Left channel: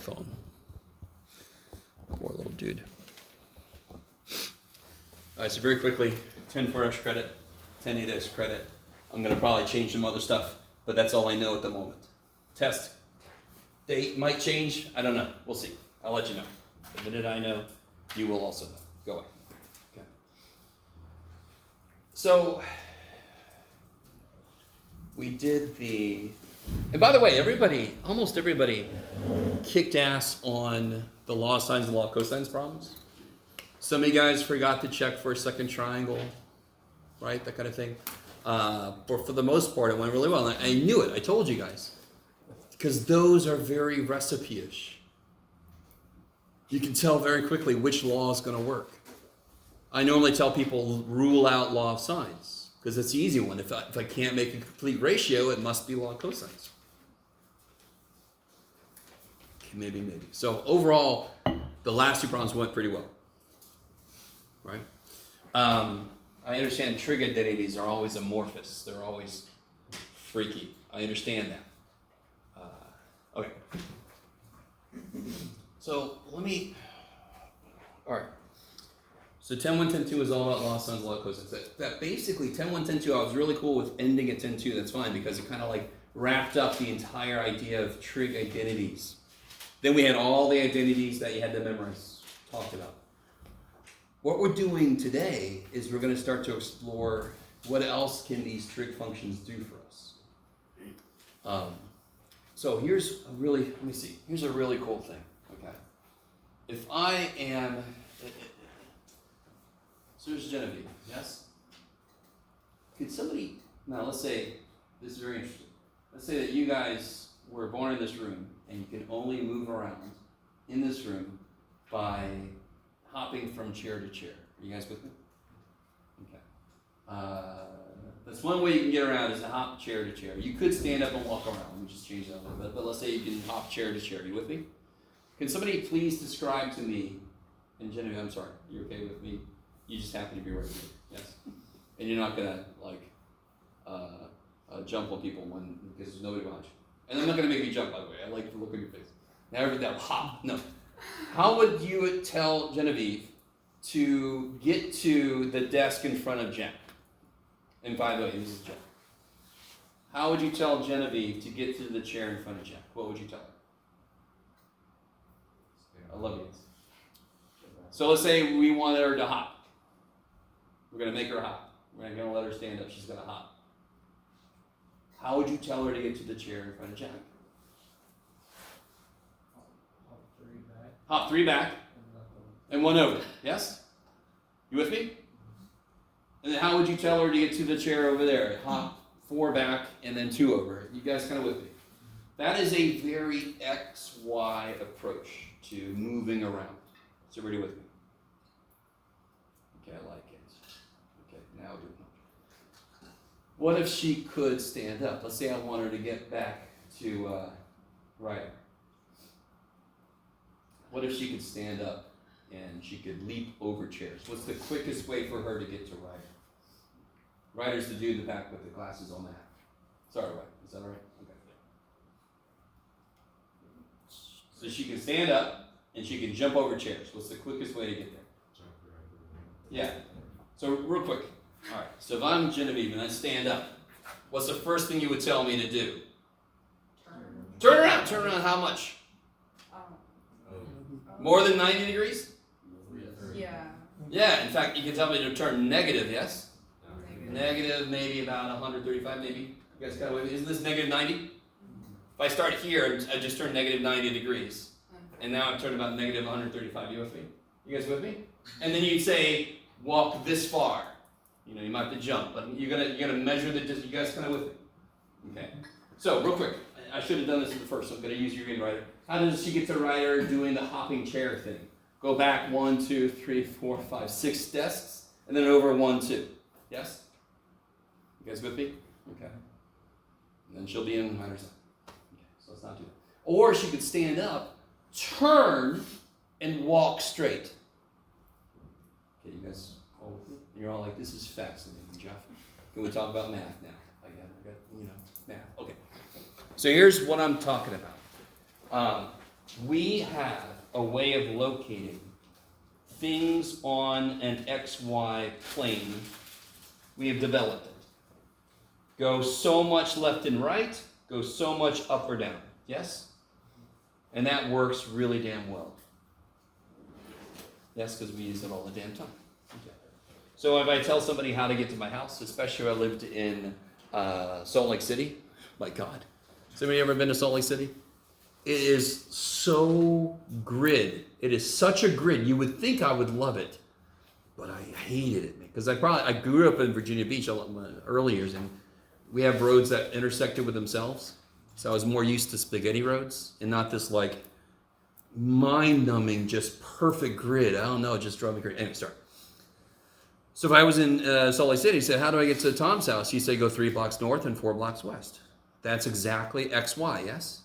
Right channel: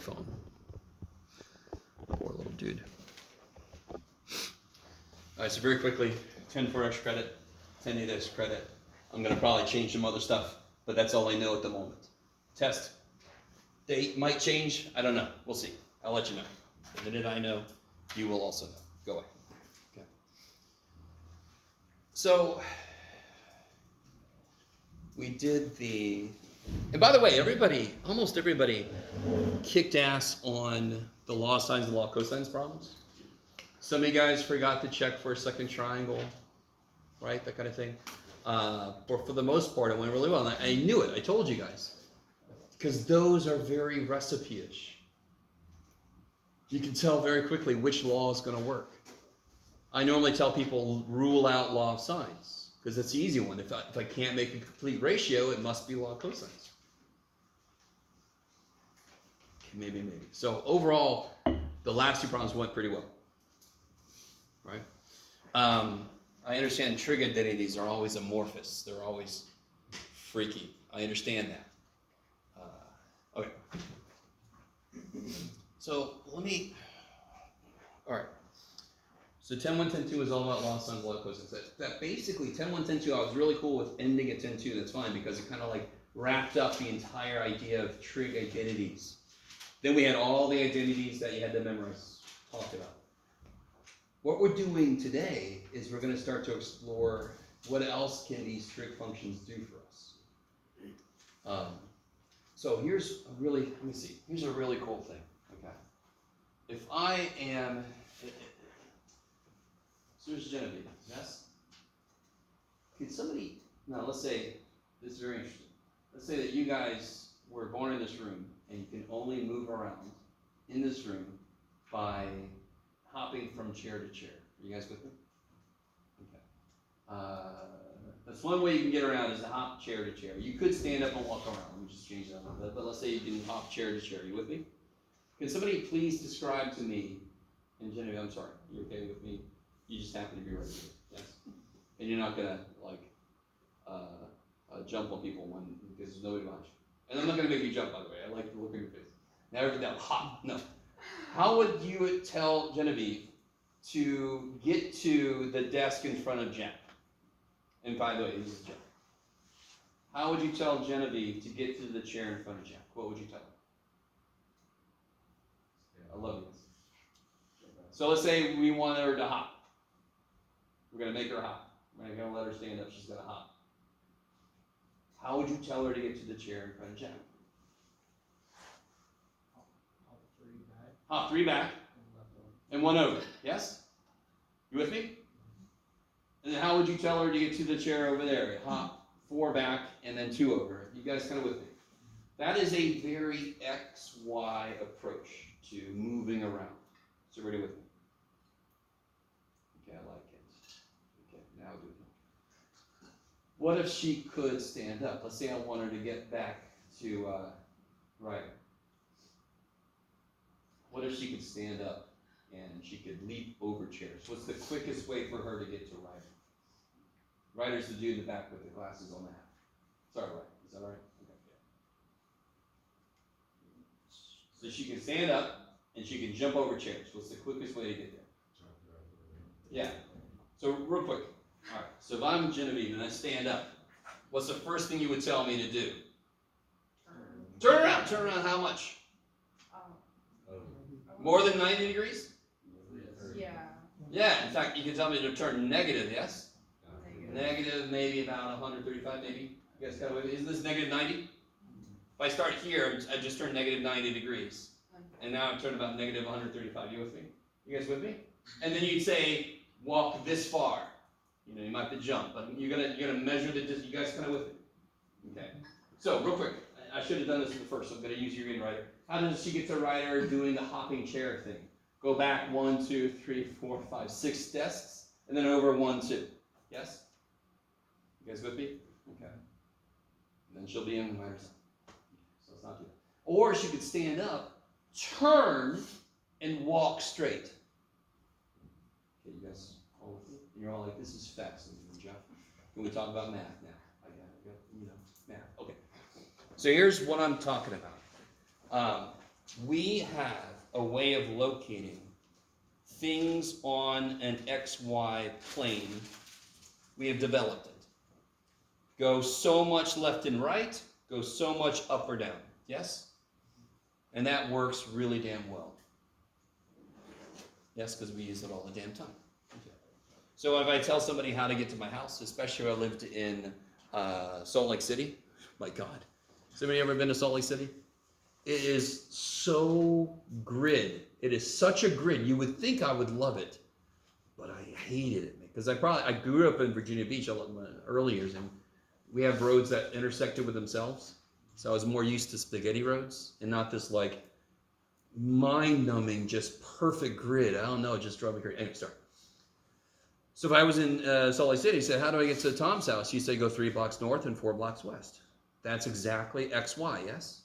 phone. Poor little dude. All right, so very quickly, 10 for extra credit, 10 8 extra credit. I'm going to probably change some other stuff, but that's all I know at the moment. Test date might change. I don't know. We'll see. I'll let you know. The minute I know, you will also know. Go away. Okay. So we did the, and by the way, almost everybody kicked ass on the law of sines and law of cosines problems. Some of you guys forgot to check for a second triangle, right? That kind of thing. But for the most part, it went really well. And I knew it. I told you guys. Because those are very recipe-ish. You can tell very quickly which law is going to work. I normally tell people rule out law of sines because it's the easy one. If I can't make a complete ratio, it must be law of cosines. Maybe. So overall, the last two problems went pretty well. Right? I understand trig identities are always amorphous. They're always freaky. I understand that. Okay. So all right. So 10, 1, 10, 2 is all about law of sines, law of cosines. That basically 10, 1, 10, 2, I was really cool with ending at 10, 2. That's fine because it kind of like wrapped up the entire idea of trig identities. Then we had all the identities that you had to memorize, talked about. What we're doing today is we're going to start to explore what else can these trig functions do for us. So here's a really cool thing, okay? If I am, so here's Genevieve, yes? Could somebody, now let's say, this is very interesting. Let's say that you guys were born in this room and you can only move around in this room by hopping from chair to chair. Are you guys with me? Okay. That's one way you can get around is to hop chair to chair. You could stand up and walk around. Let me just change that a little bit. But let's say you can hop chair to chair. Are you with me? Can somebody please describe to me, and Genevieve, I'm sorry, you're okay with me? You just happen to be right here. Yes? And you're not going to, jump on people because there's nobody behind you. And I'm not going to make you jump, by the way. I like the look on your face. Never that hop. No. How would you tell Genevieve to get to the desk in front of Jack? And by the way, this is Jack. How would you tell Genevieve to get to the chair in front of Jack? What would you tell her? I love you. So let's say we want her to hop. We're going to make her hop. We're not going to let her stand up. She's going to hop. How would you tell her to get to the chair in front of Jack? Hop 3 back. And 1 over. Yes? You with me? And then how would you tell her to get to the chair over there? Hop 4 back and then 2 over. You guys kind of with me? That is a very XY approach to moving around. So everybody with me? Okay, I like it. Okay, now do it. What if she could stand up? Let's say I want her to get back to Ryder. What if she could stand up and she could leap over chairs? What's the quickest way for her to get to Ryder? Ryder's the dude in the back with the glasses on the hat. Sorry, Ryder. Is that all right? Okay. So she can stand up and she can jump over chairs. What's the quickest way to get there? Yeah. So real quick. All right. So if I'm Genevieve and I stand up, what's the first thing you would tell me to do? Turn around. Turn around how much? More than 90 degrees? Yeah. Yeah, in fact, you can tell me to turn negative, yes? Negative, maybe about 135, maybe. You guys got away with it? Isn't this negative 90? If I start here, I just turned negative 90 degrees. And now I've turned about negative 135. You with me? You guys with me? And then you'd say, walk this far. You know, you might have to jump, but you're gonna measure the distance. You guys kind of with me? Okay. So, real quick. I should have done this at the first, so I'm going to use your green Ryder. How does she get to Ryder doing the hopping chair thing? Go back 1, 2, 3, 4, 5, 6 desks, and then over 1, 2. Yes? You guys with me? Okay. And then she'll be in Ryder's side. Okay, so let's not do that. Or she could stand up, turn, and walk straight. Okay, you guys all with me? You're all like, this is fascinating, Jeff. Can we talk about math now? I got math. Okay. So here's what I'm talking about. we have a way of locating things on an XY plane. We have developed it. Go so much left and right, go so much up or down. Yes? And that works really damn well. Yes, because we use it all the damn time. Okay. So if I tell somebody how to get to my house, especially if I lived in Salt Lake City, my God. Has anybody ever been to Salt Lake City? It is so grid. It is such a grid. You would think I would love it, but I hated it because I grew up in Virginia Beach in my early years, and we have roads that intersected with themselves. So I was more used to spaghetti roads and not this like mind-numbing, just perfect grid. I don't know, it just drove me crazy. Anyway, sorry. So if I was in Salt Lake City, he said, how do I get to Tom's house? You say go 3 blocks north and 4 blocks west. That's exactly XY, yes?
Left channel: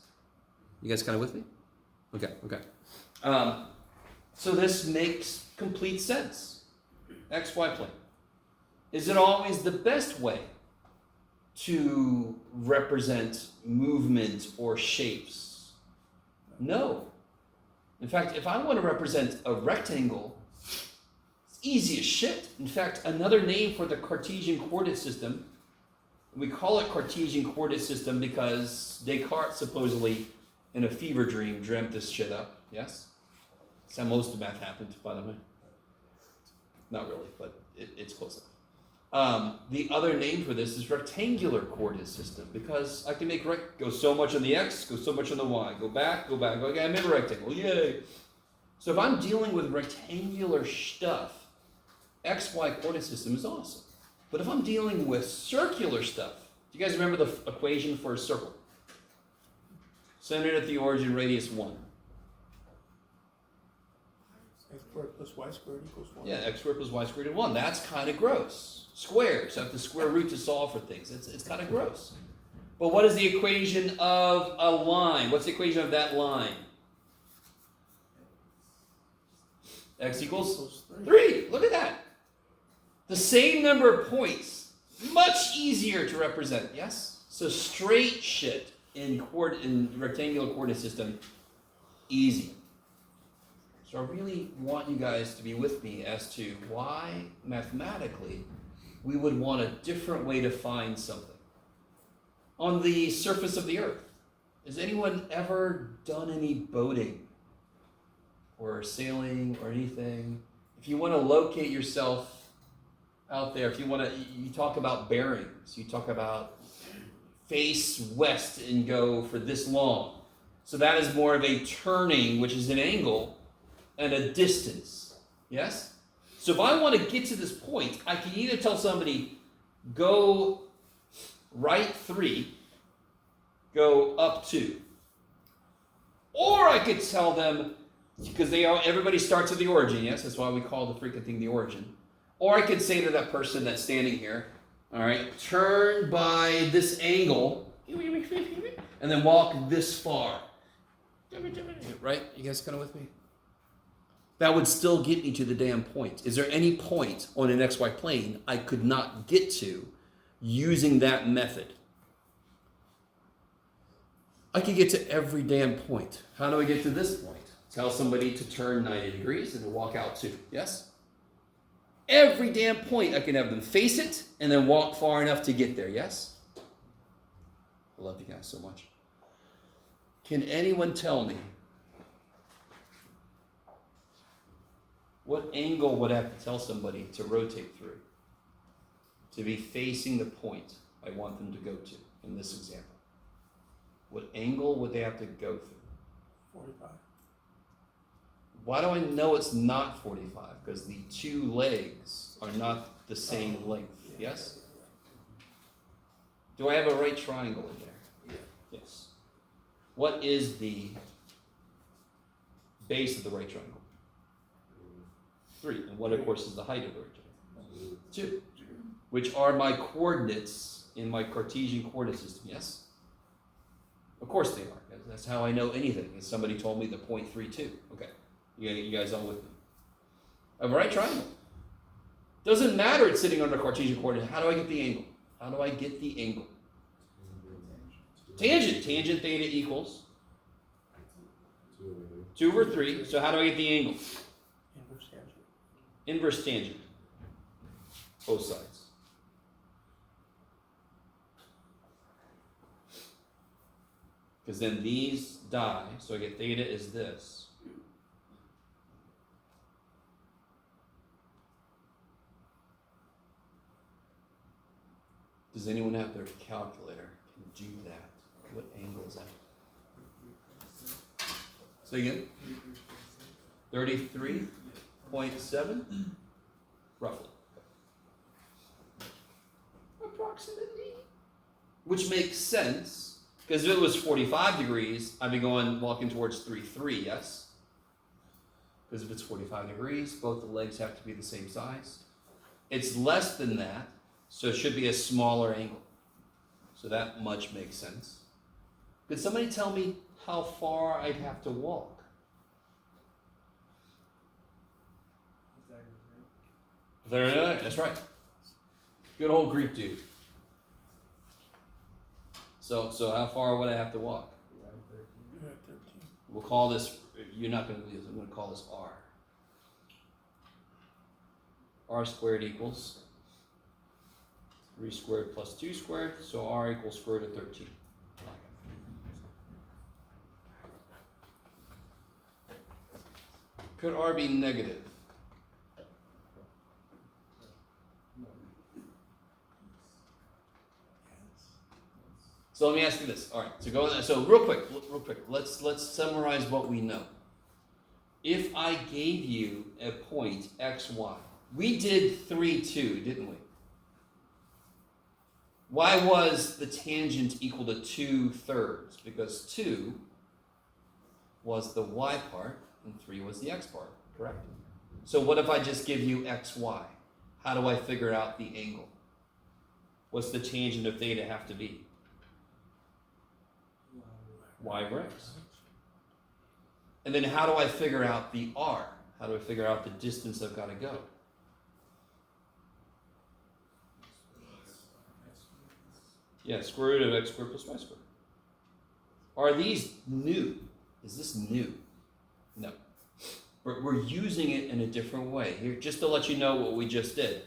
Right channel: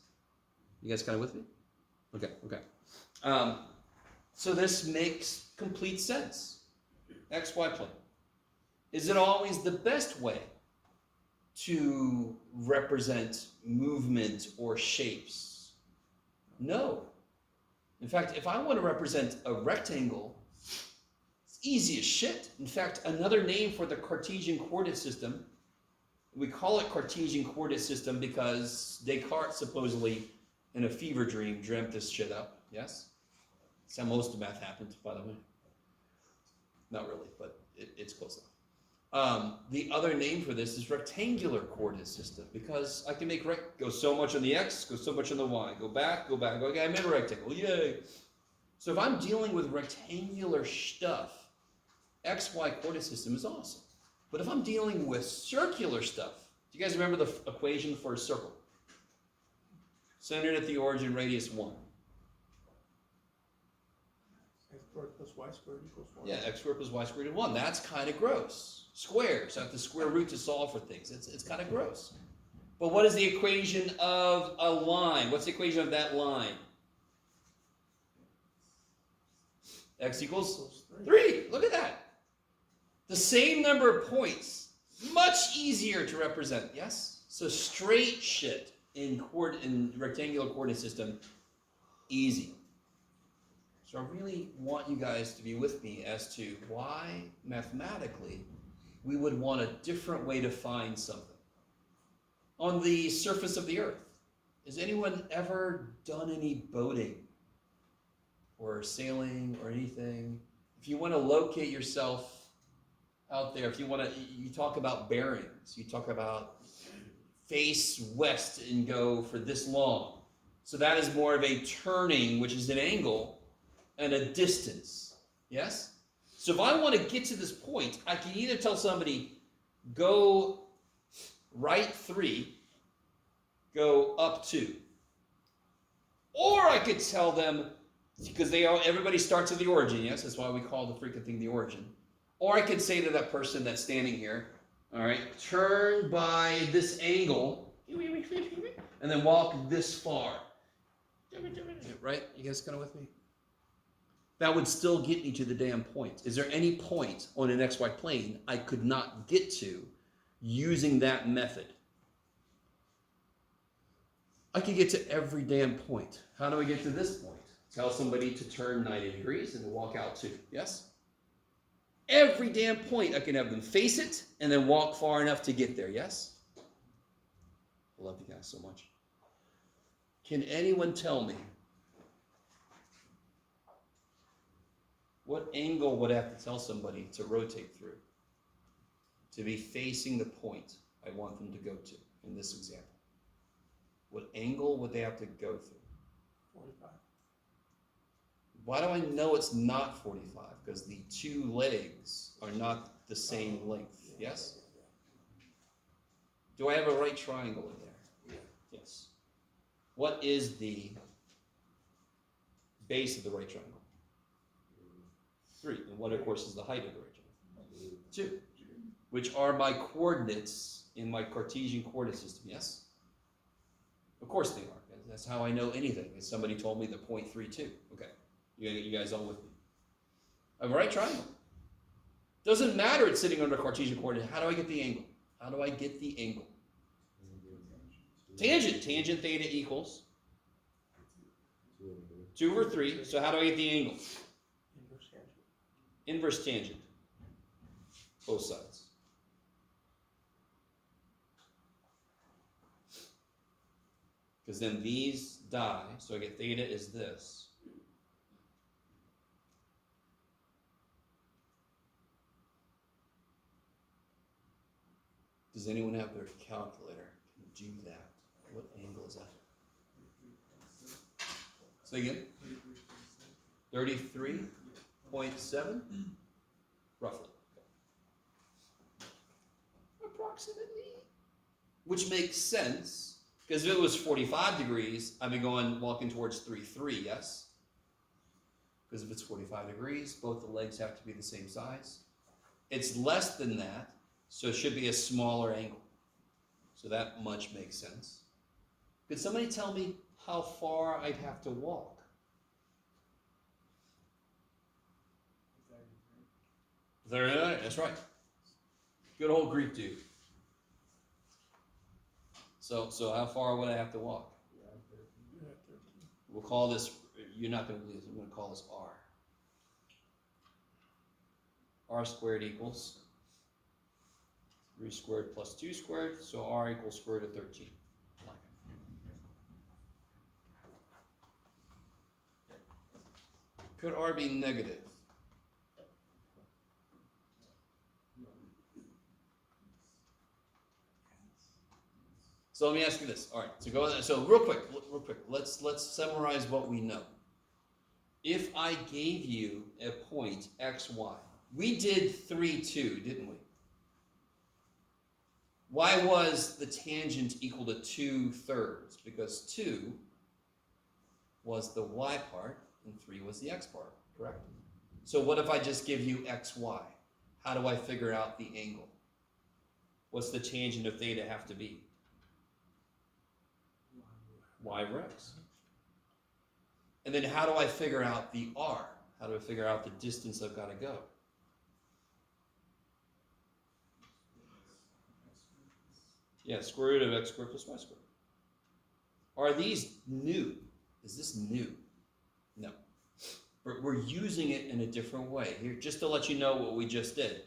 You guys kind of with me? Okay. So this makes complete sense. XY plane. Is it always the best way to represent movement or shapes? No. In fact, if I want to represent a rectangle, it's easy as shit. In fact, another name for the Cartesian coordinate system, we call it Cartesian coordinate system because Descartes supposedly in a fever dream dreamt this shit up. Yes? That's how most of math happened, by the way. Not really, but it's close enough. The other name for this is rectangular coordinate system because I can make go so much on the x, go so much on the y, go back, go back. Okay, I made a rectangle, yay! So if I'm dealing with rectangular stuff, XY coordinate system is awesome. But if I'm dealing with circular stuff, do you guys remember the equation for a circle? Centered at the origin, radius 1. X squared plus y squared equals 1. Yeah, x squared plus y squared equals 1. That's kind of gross. Squares have the square root to solve for things. It's kind of gross. But what is the equation of a line? What's the equation of that line? X equals 3. Look at that. The same number of points. Much easier to represent, yes? So straight shit in rectangular coordinate system, easy. So I really want you guys to be with me as to why, mathematically, we would want a different way to find something. On the surface of the earth, has anyone ever done any boating or sailing or anything? If you want to locate yourself out there, if you want to, you talk about bearings, you talk about face west and go for this long. So that is more of a turning, which is an angle, and a distance. Yes? So if I want to get to this point, I can either tell somebody, go right 3, go up 2. Or I could tell them, because everybody starts at the origin, yes? That's why we call the freaking thing the origin. Or I could say to that person that's standing here, all right, turn by this angle, and then walk this far. Right? You guys kind of with me? That would still get me to the damn point. Is there any point on an XY plane I could not get to using that method? I could get to every damn point. How do I get to this point? Tell somebody to turn 90 degrees and to walk out 2. Yes? Every damn point I can have them face it and then walk far enough to get there. Yes? I love you guys so much. Can anyone tell me what angle would I have to tell somebody to rotate through to be facing the point I want them to go to in this example? What angle would they have to go through? 45. Why do I know it's not 45? Because the 2 legs are not the same length. Yes? Do I have a right triangle in there? Yeah. Yes. What is the base of the right triangle? 3. And what, of course, is the height of the right triangle? 2. Which are my coordinates in my Cartesian coordinate system. Yes? Of course they are. That's how I know anything. Somebody told me the 0.32. Okay. You guys all with me? I have a right triangle. Doesn't matter it's sitting under Cartesian coordinate. How do I get the angle? How do I get the angle? Tangent. Tangent theta equals 2 over 3. So how do I get the angle? Inverse tangent. Inverse tangent. Both sides. Because then these die, so I get theta is this. Does anyone have their calculator? Can do that? What angle is that? Say again? 33.7? Roughly. Approximately. Which makes sense, because if it was 45 degrees, I'd be walking towards 3.3, yes? Because if it's 45 degrees, both the legs have to be the same size. It's less than that, so it should be a smaller angle. So that much makes sense. Could somebody tell me how far I'd have to walk? That's right. Good old Greek dude. So how far would I have to walk? You're at 13. We'll call this, you're not going to believe this, I'm going to call this R. R squared equals 3 squared plus 2 squared, so R equals square root of 13. Could R be negative? So let me ask you this. All right. So real quick. Let's summarize what we know. If I gave you a point x, y, we did 3, 2, didn't we? Why was the tangent equal to 2/3? Because 2 was the y part and 3 was the x part, correct? So what if I just give you x, y? How do I figure out the angle? What's the tangent of theta have to be? Y over x. And then how do I figure out the r? How do I figure out the distance I've got to go? Yeah, square root of x squared plus y squared. Are these new? Is this new? No. We're using it in a different way. Here, just to let you know what we just did.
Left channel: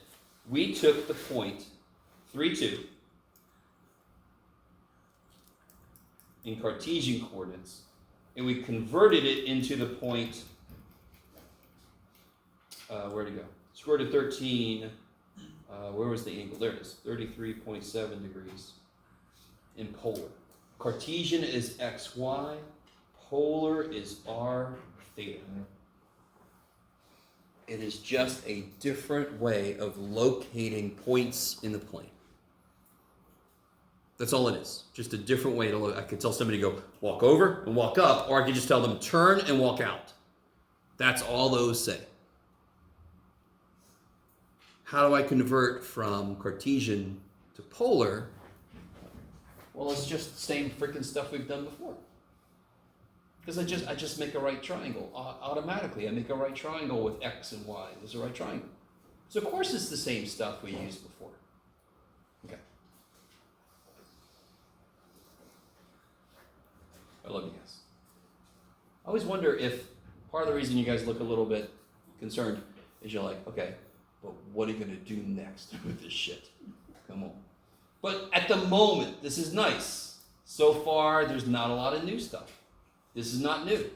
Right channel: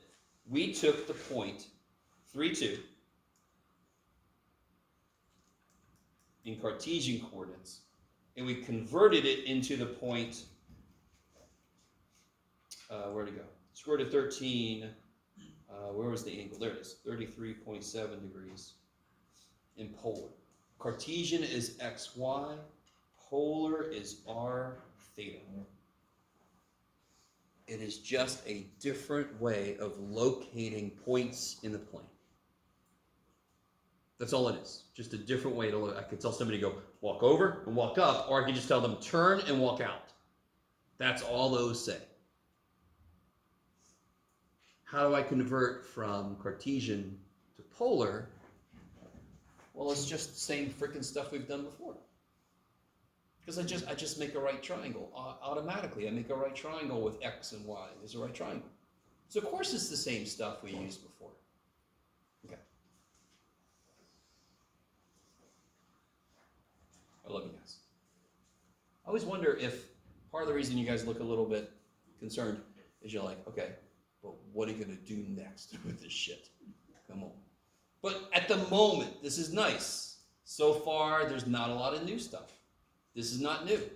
We took the point 3, 2 in Cartesian coordinates, and we converted it into the point, where'd it go? Square root of 13, where was the angle? There it is, 33.7 degrees in polar. Cartesian is xy, polar is r theta. It is just a different way of locating points in the plane. That's all it is. Just a different way to look. I could tell somebody to go walk over and walk up, or I could just tell them turn and walk out. That's all those say. How do I convert from Cartesian to polar? Well, it's just the same freaking stuff we've done before. Because I just make a right triangle. Automatically, I make a right triangle with x and y. There's a right triangle. So of course it's the same stuff we used before. Okay. I love you guys. I always wonder if part of the reason you guys look a little bit concerned is you're like, okay, but what are you going to do next with this shit? Come on. But at the moment, this is nice. So far, there's not a lot of new stuff. This is not new.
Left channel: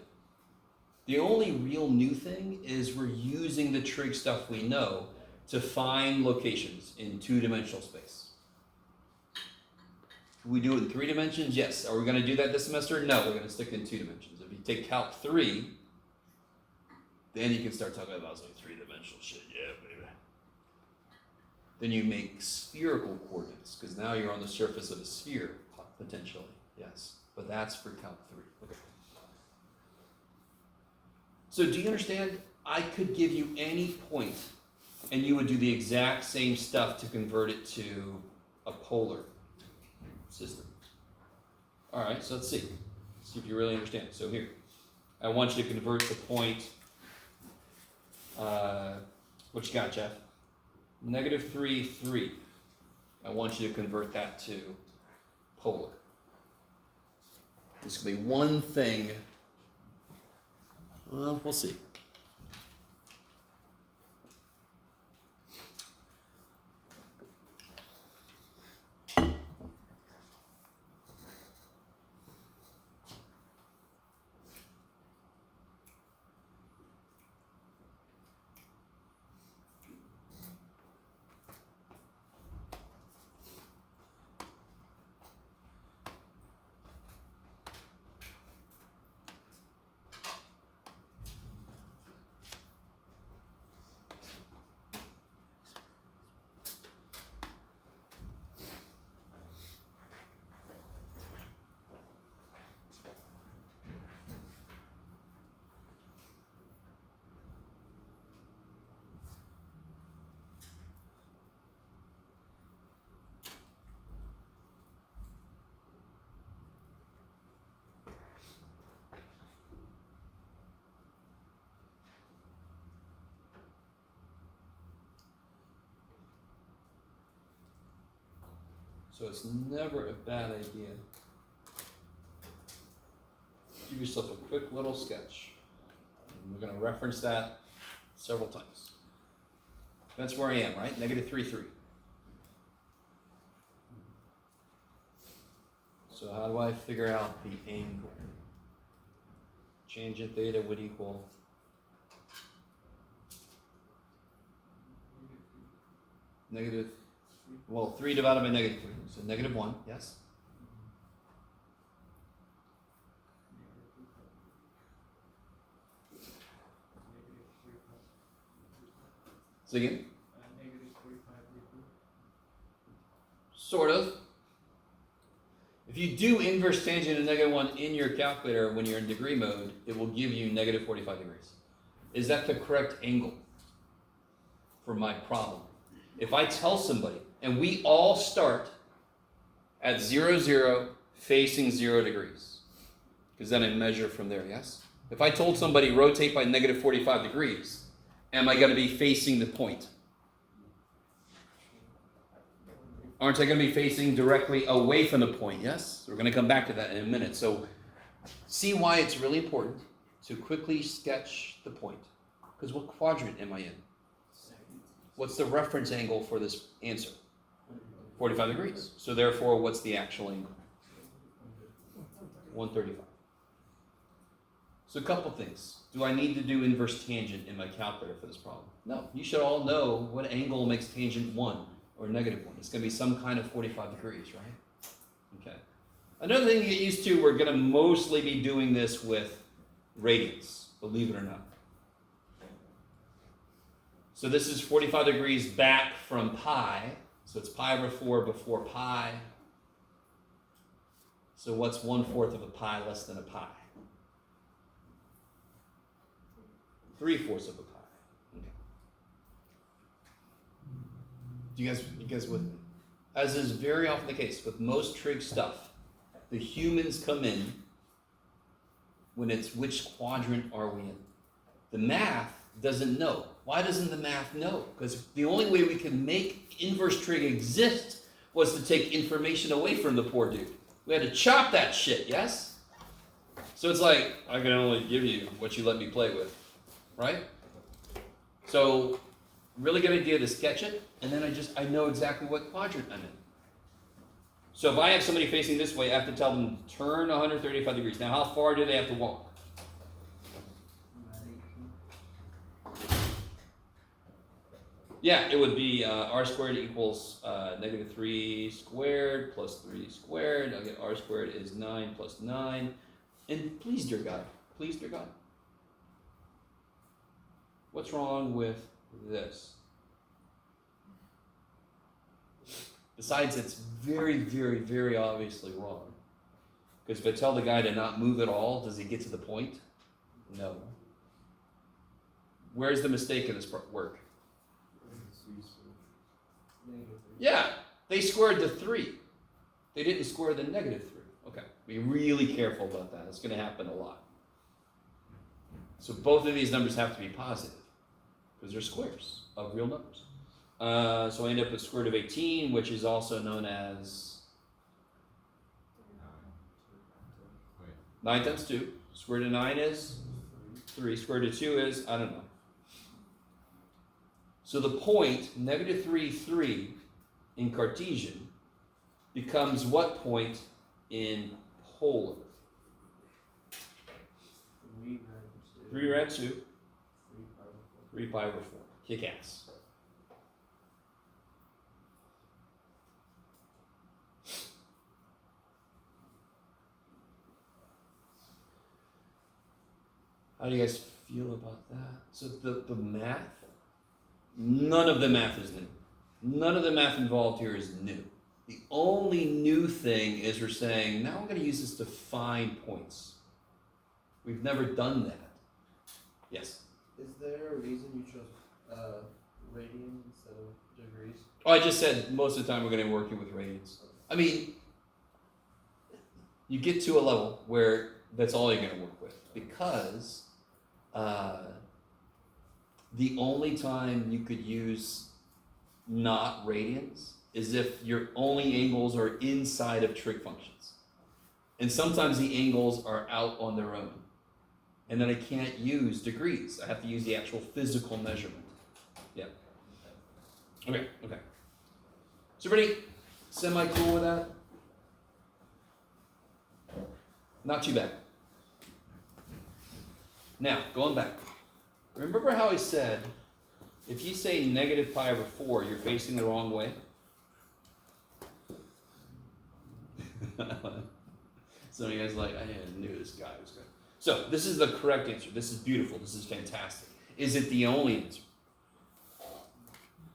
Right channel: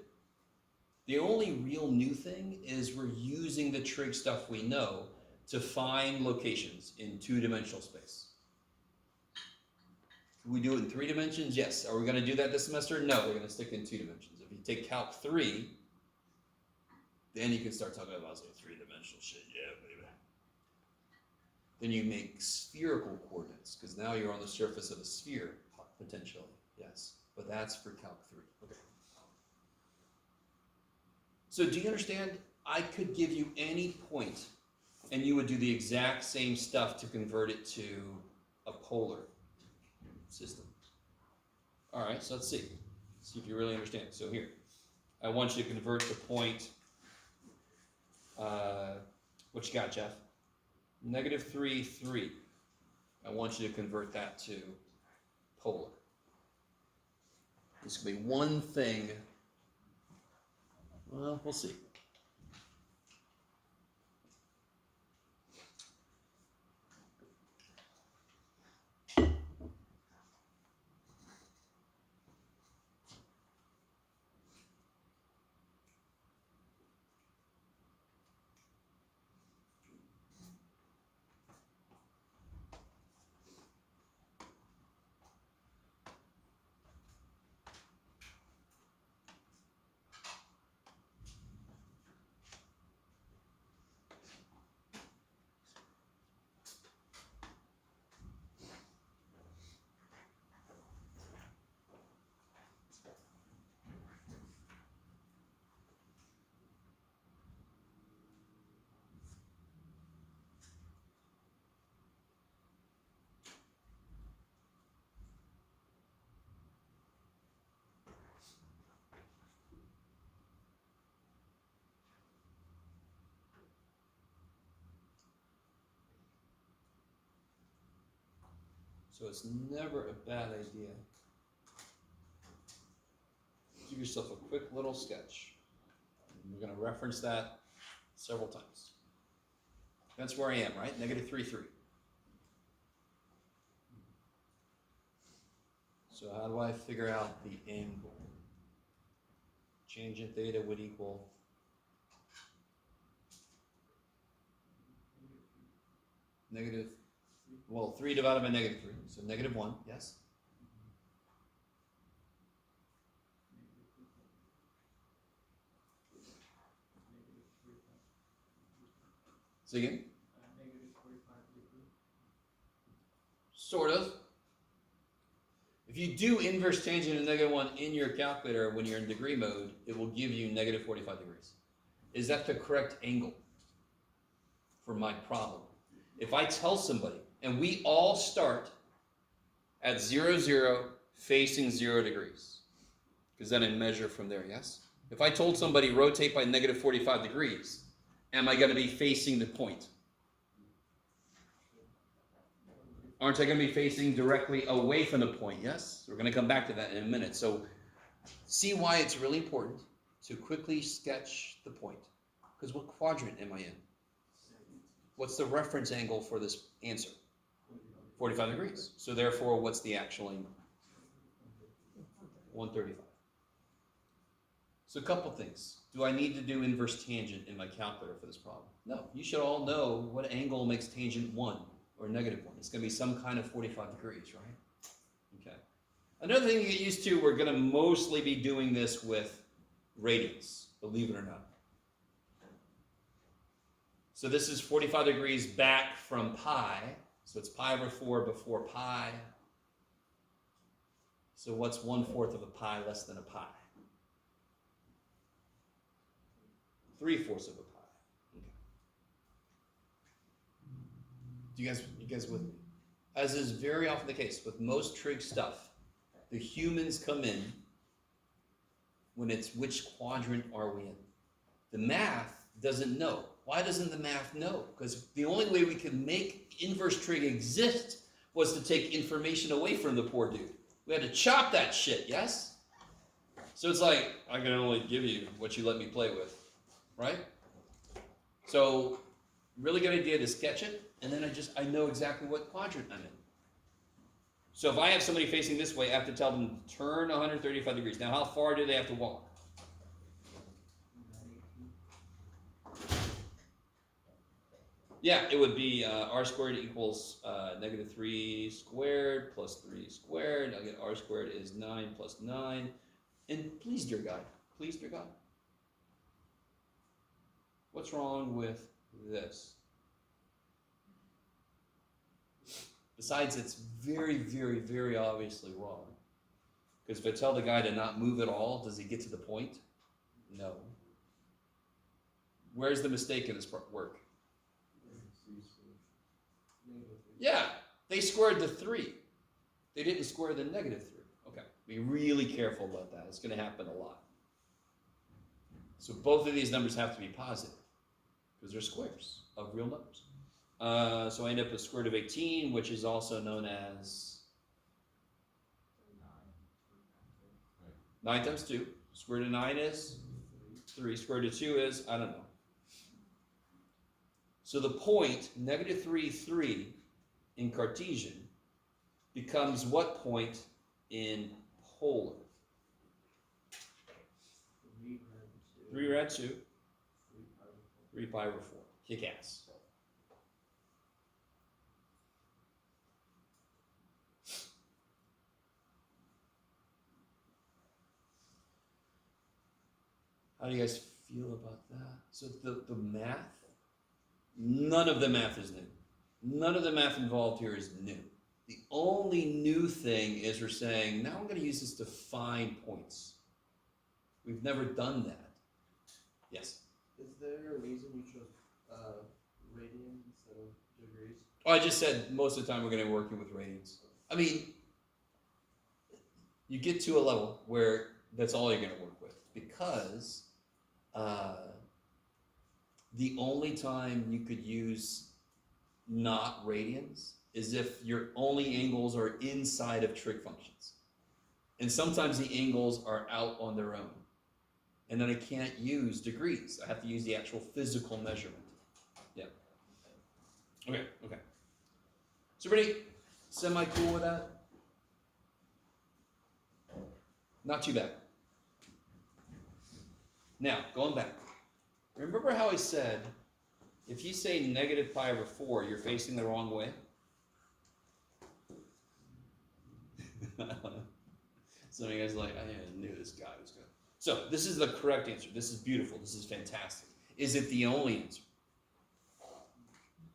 The only real new thing is we're using the trig stuff we know to find locations in 2-dimensional space. We do it in 3 dimensions? Yes. Are we going to do that this semester? No, we're going to stick in 2 dimensions. If you take Calc 3, then you can start talking about some 3-dimensional shit. Yeah, baby. Then you make spherical coordinates, because now you're on the surface of a sphere, potentially. Yes. But that's for Calc 3. Okay. So do you understand? I could give you any point, and you would do the exact same stuff to convert it to a polar system. All right, so let's see. See if you really understand. So here, I want you to convert the point, what you got, Jeff? -3, 3. I want you to convert that to polar. This could be one thing Well, we'll see. So it's never a bad idea. Give yourself a quick little sketch. And we're going to reference that several times. That's where I am, right? Negative 3, 3. So how do I figure out the angle? Tangent theta would equal negative, well, 3 divided by negative 3. So negative 1, yes? Say again? Sort of. If you do inverse tangent of negative 1 in your calculator when you're in degree mode, it will give you negative 45 degrees. Is that the correct angle for my problem? If I tell somebody, and we all start at 0, 0, facing 0 degrees, because then I measure from there, yes? If I told somebody rotate by negative 45 degrees, am I going to be facing the point? Aren't I going to be facing directly away from the point, yes? We're going to come back to that in a minute. So see why it's really important to quickly sketch the point. Because what quadrant am I in? What's the reference angle for this answer? 45 degrees. So therefore, what's the actual angle? 135. So a couple things. Do I need to do inverse tangent in my calculator for this problem? No. You should all know what angle makes tangent 1 or negative 1. It's going to be some kind of 45 degrees, right? Okay. Another thing to get used to, we're going to mostly be doing this with radians, believe it or not. So this is 45 degrees back from pi. So it's pi over 4 before pi. So what's 1/4 of a pi less than a pi? 3/4 of a pi. Okay. Do you guys with me? As is very often the case with most trig stuff, the humans come in when it's which quadrant are we in. The math doesn't know. Why doesn't the math know? Because the only way we could make inverse trig exist was to take information away from the poor dude. We had to chop that shit, yes? So it's like, I can only give you what you let me play with, right? So, really good idea to sketch it, and then I know exactly what quadrant I'm in. So if I have somebody facing this way, I have to tell them to turn 135 degrees. Now, how far do they have to walk? Yeah, it would be r squared equals negative 3 squared plus 3 squared. I'll get r squared is 9 plus 9. And please, dear God, what's wrong with this? Besides, it's very, very, very obviously wrong. Because if I tell the guy to not move at all, does he get to the point? No. Where's the mistake in this work? Yeah, they squared the 3. They didn't square the negative 3. Okay, be really careful about that. It's going to happen a lot. So both of these numbers have to be positive because they're squares of real numbers. So I end up with square root of 18, which is also known as 9 times 2. Square root of 9 is 3. Square root of 2 is, I don't know. So the point, negative 3, 3 in Cartesian becomes what point in polar? 3 rad 2. 3 pi over 4. Kick ass. How do you guys feel about that? So the math, none of the math is new. None of the math involved here is new. The only new thing is we're saying, now I'm going to use this to find points. We've never done that. Yes? Is there a reason you chose radian instead of degrees? Oh, I just said most of the time we're going to be working with radians. I mean, you get to a level where that's all you're going to work with, because the only time you could use not radians is if your only angles are inside of trig functions. And sometimes the angles are out on their own. And then I can't use degrees. I have to use the actual physical measurement. Yeah. Okay. So everybody semi-cool with that? Not too bad. Now, going back. Remember how I said, if you say negative pi over 4, you're facing the wrong way? Some of you guys are like, I knew this guy was good. So, this is the correct answer. This is beautiful. This is fantastic. Is it the only answer?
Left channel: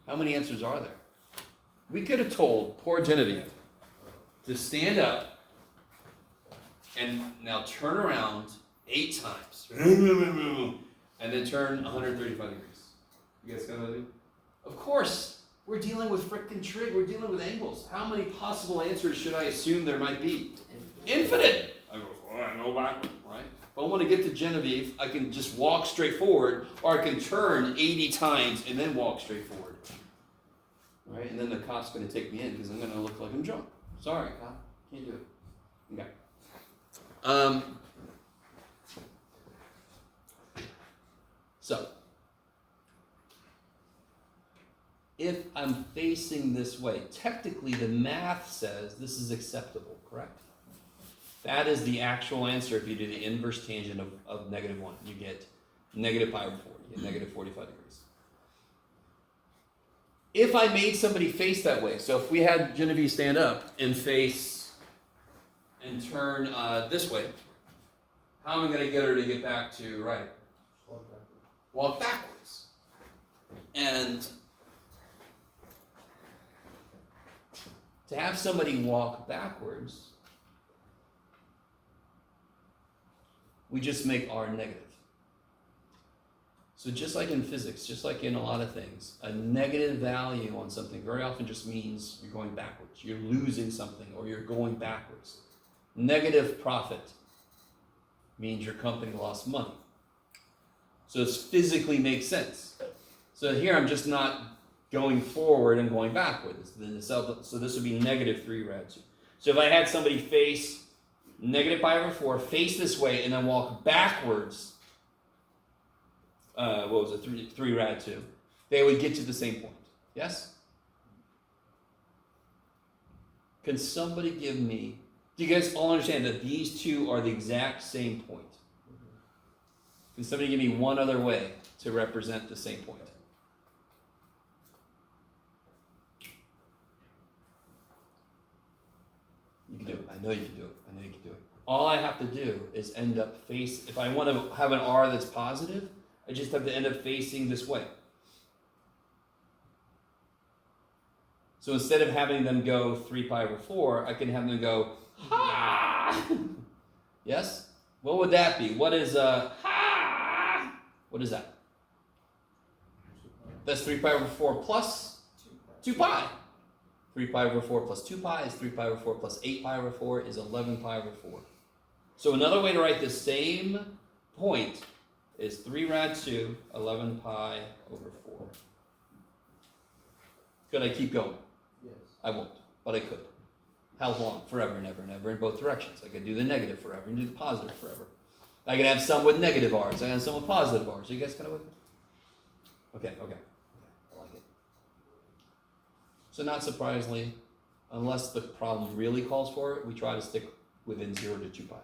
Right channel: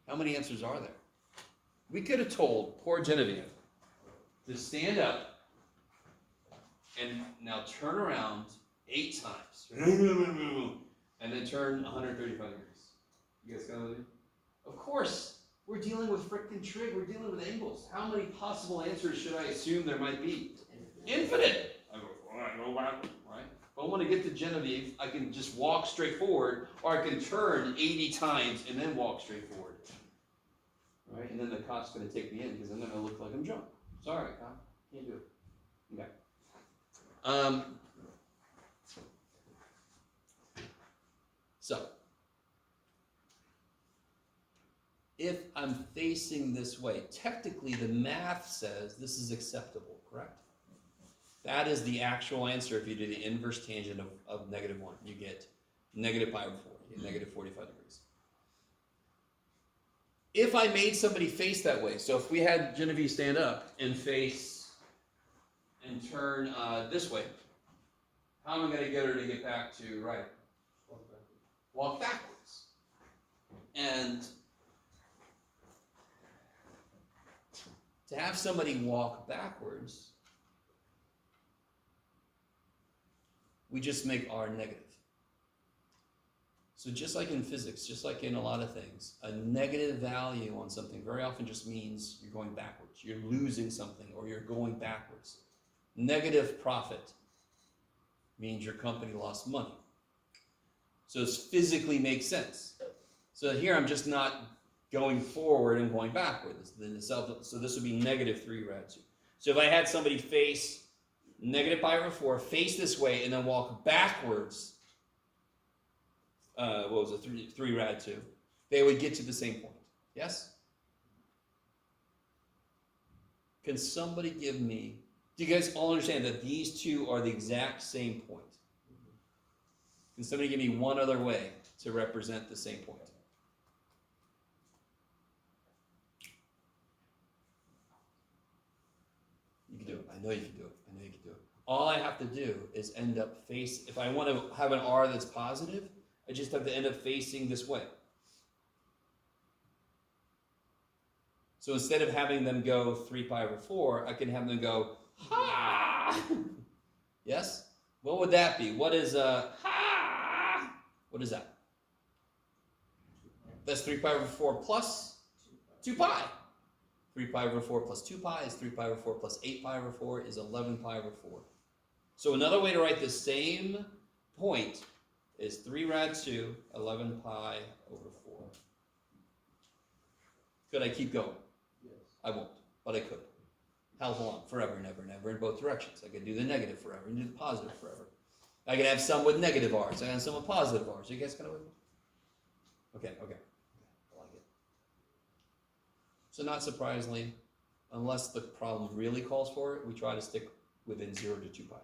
How many answers are there? We could have told poor Genevieve to stand up and now turn around 8 times. And then turn 135 degrees. You guys got that? Of course, we're dealing with frickin' trig. We're dealing with angles. How many possible answers should I assume there might be? Infinite. I go, I know that, right? If I want to get to Genevieve, I can just walk straight forward, or I can turn 80 times and then walk straight forward. Right? And then the cop's going to take me in because I'm going to look like I'm drunk. Sorry, cop. Can't do it. Okay. So, if I'm facing this way, technically the math says this is acceptable, correct? That is the actual answer if you do the inverse tangent of negative 1. You get negative pi over 4. You get negative 45 degrees. If I made somebody face that way, so if we had Genevieve stand up and face and turn this way, how am I going to get her to get back to right? Walk backwards. And to have somebody walk backwards, we just make r negative. So just like in physics, just like in a lot of things, a negative value on something very often just means you're going backwards. You're losing something or you're going backwards. Negative profit means your company lost money. So it physically makes sense. So here I'm just not going forward and going backwards. So this would be negative 3 rad 2. So if I had somebody face negative pi over 4, face this way, and then walk backwards, 3 rad 2, they would get to the same point. Yes? Can somebody give me, do you guys all understand that these two are the exact same point? Can somebody give me one other way to represent the same point? You can do it. I know you can do it. I know you can do it. All I have to do is end up if I want to have an r that's positive, I just have to end up facing this way. So instead of having them go 3 pi over 4, I can have them go, ha! Yes? What would that be? What is ha? What is that? That's 3 pi over 4 plus 2 pi. 3 pi over 4 plus 2 pi is 3 pi over 4 plus 8 pi over 4 is 11 pi over 4. So another way to write the same point is 3 rad 2, 11 pi over 4. Could I keep going? Yes. I won't, but I could. How long? Forever and ever and ever in both directions. I could do the negative forever and do the positive forever. I can have some with negative r's. I can have some with positive r's. Are you guys kind of with me? Okay. I like it. So not surprisingly, unless the problem really calls for it, we try to stick within 0 to 2 pi.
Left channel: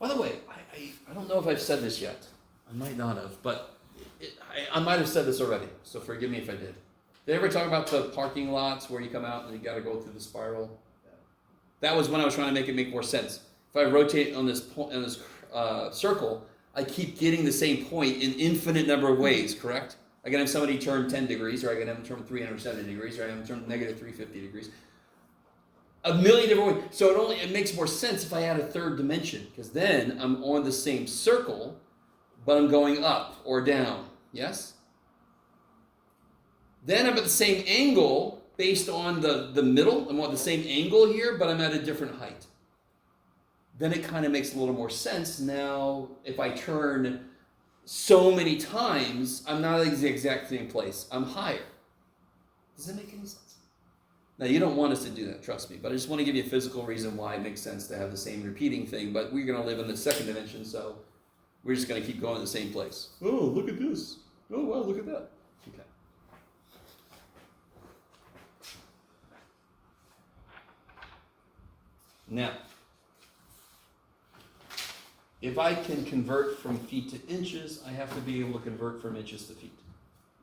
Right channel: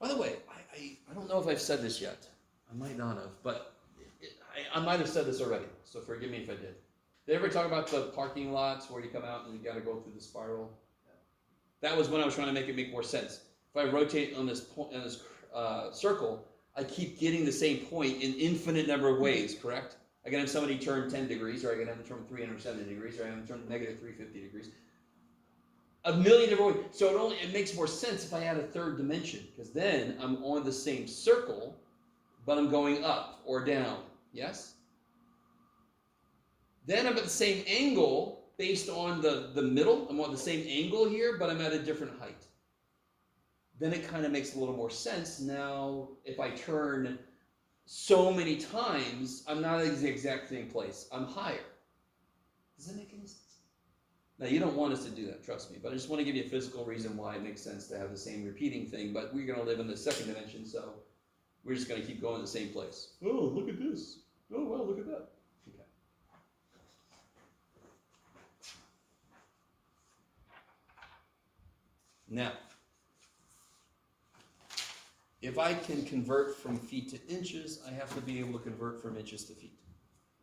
By the way, I don't know if I've said this yet. I might not have, but I might have said this already, so forgive me if I did. Did I ever talk about the parking lots where you come out and you got to go through the spiral? That was when I was trying to make it make more sense. If I rotate on this circle, I keep getting the same point in infinite number of ways, correct? I can have somebody turn 10 degrees, or I can have them turn 370 degrees, or I can have them turn negative 350 degrees. A million different ways. So it makes more sense if I add a third dimension, because then I'm on the same circle, but I'm going up or down. Yes? Then I'm at the same angle based on the middle. I'm on the same angle here, but I'm at a different height. Then it kind of makes a little more sense. Now, if I turn so many times, I'm not in the exact same place. I'm higher. Does that make any sense? Now, you don't want us to do that, trust me, but I just want to give you a physical reason why it makes sense to have the same repeating thing, but we're going to live in the second dimension, so we're just going to keep going to the same place. Oh, look at this. Oh, wow, look at that. Okay. Now, if I can convert from feet to inches, I have to be able to convert from inches to feet.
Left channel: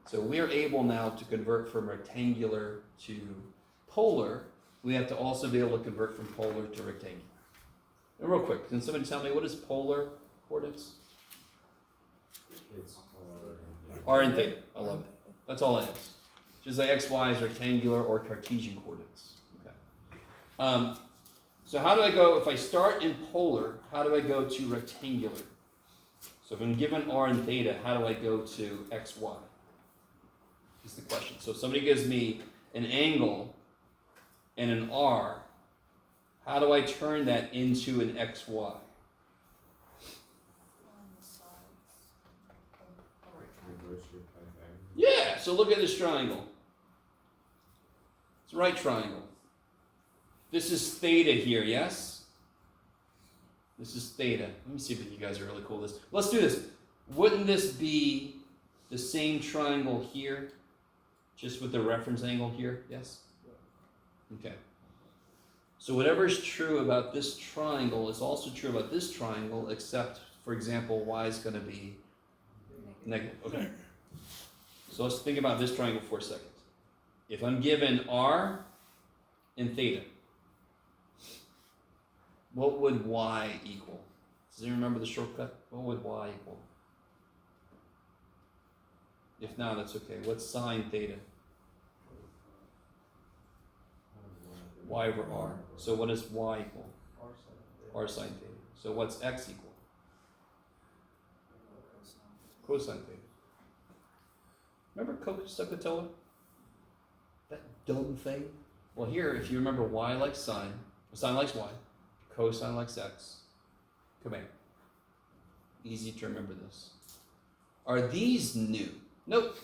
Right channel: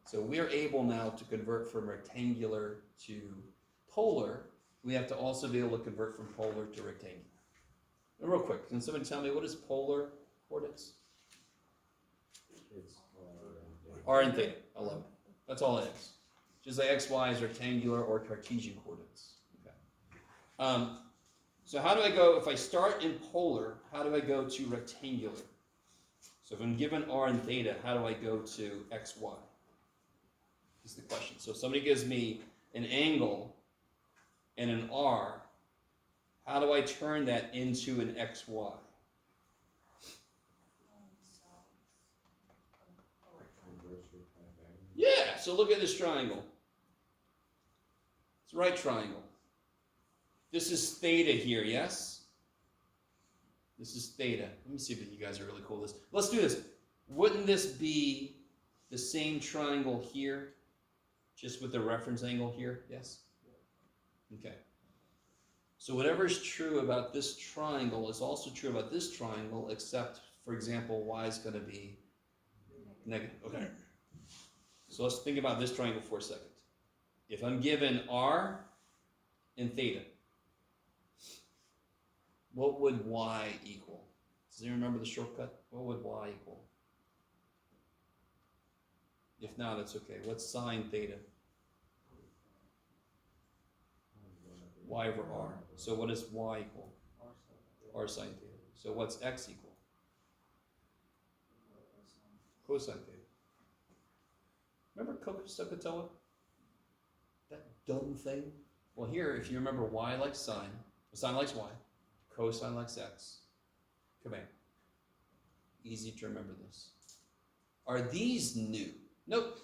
So we're able now to convert from rectangular to polar. We have to also be able to convert from polar to rectangular. Now, real quick, can somebody tell me what is polar coordinates? It's R and theta. I love it. That's all it is. Just like x, y is rectangular or Cartesian coordinates. Okay. So how do I go, if I start in polar, how do I go to rectangular? So if I'm given r and theta, how do I go to x, y? Is the question. So if somebody gives me an angle and an r, how do I turn that into an x, y? reverse your Pythagorean. Yeah, so look at this triangle. It's a right triangle. This is theta here, yes? This is theta. Let me see if you guys are really cool with this. Let's do this. Wouldn't this be the same triangle here, just with the reference angle here, yes? Okay. So whatever is true about this triangle is also true about this triangle, except, for example, y is going to be negative. Okay. So let's think about this triangle for a second. If I'm given r and theta, what would y equal? Does anyone remember the shortcut? What would y equal? If not, that's okay. What's sine theta? Y over r. So what does y equal? R sine theta. So what's x equal? Cosine theta. Remember cosecotilla? That dumb thing? Well, here, if you remember y likes sine likes y, cosine likes x. Come here. Easy to remember this. Are these new? Nope.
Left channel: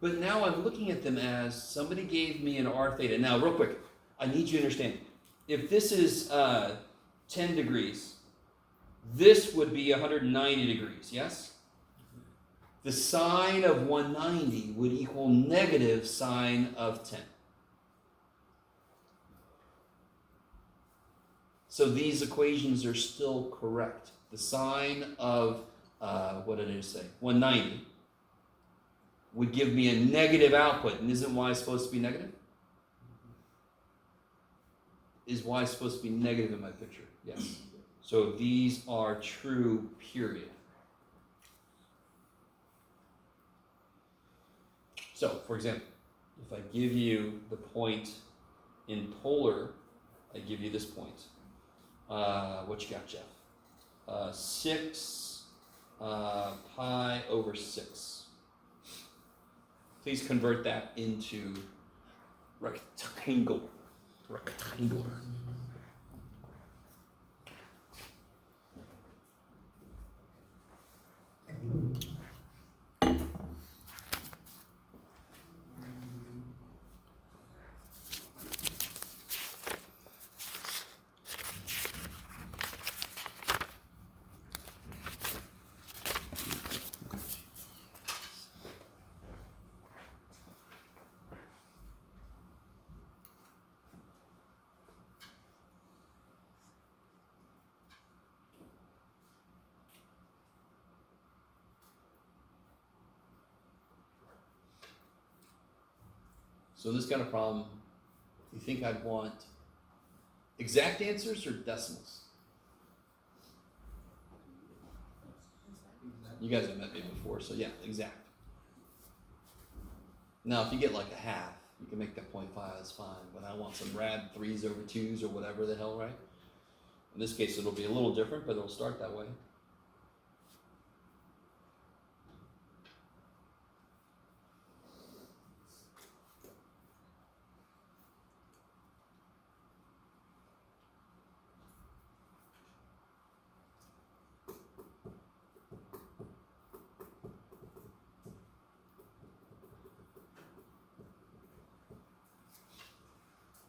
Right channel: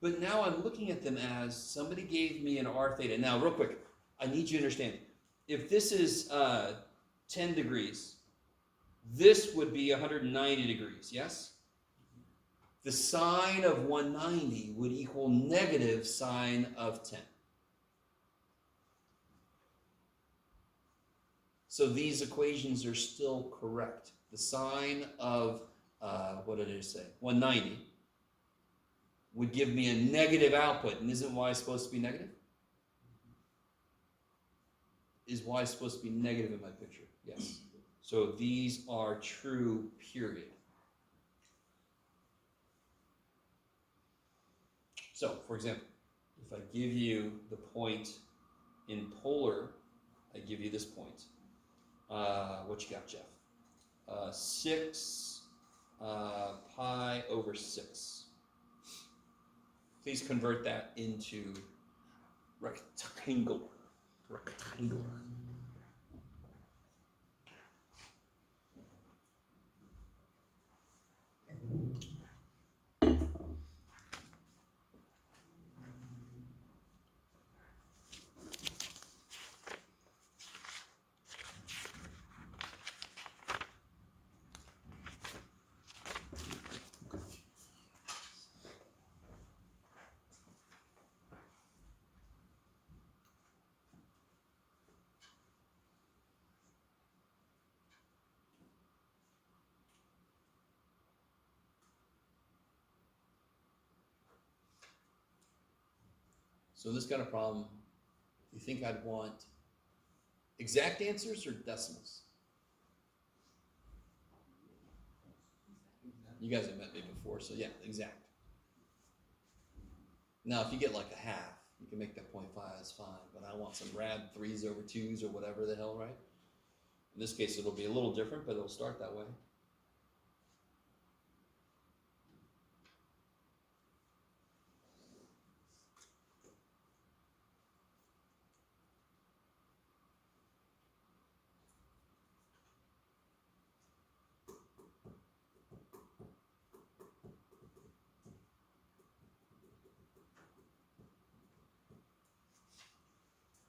But now I'm looking at them as somebody gave me an r theta. Now, real quick, I need you to understand. If this is 10 degrees, this would be 190 degrees, yes? The sine of 190 would equal negative sine of 10. So these equations are still correct. The sine of, what did it say? 190 would give me a negative output. And isn't y supposed to be negative? Is y supposed to be negative in my picture? Yes. So these are true, period. So, for example, if I give you the point in polar, I give you this point. What you got, Jeff? 6 pi over 6. Please convert that into rectangular. Rectangular. So this kind of problem, do you think I'd want exact answers or decimals? You guys have met me before, so yeah, exact. Now, if you get like a half, you can make that 0.5, that's fine, but I want some rad 3s over 2s or whatever the hell, right? In this case, it'll be a little different, but it'll start that way.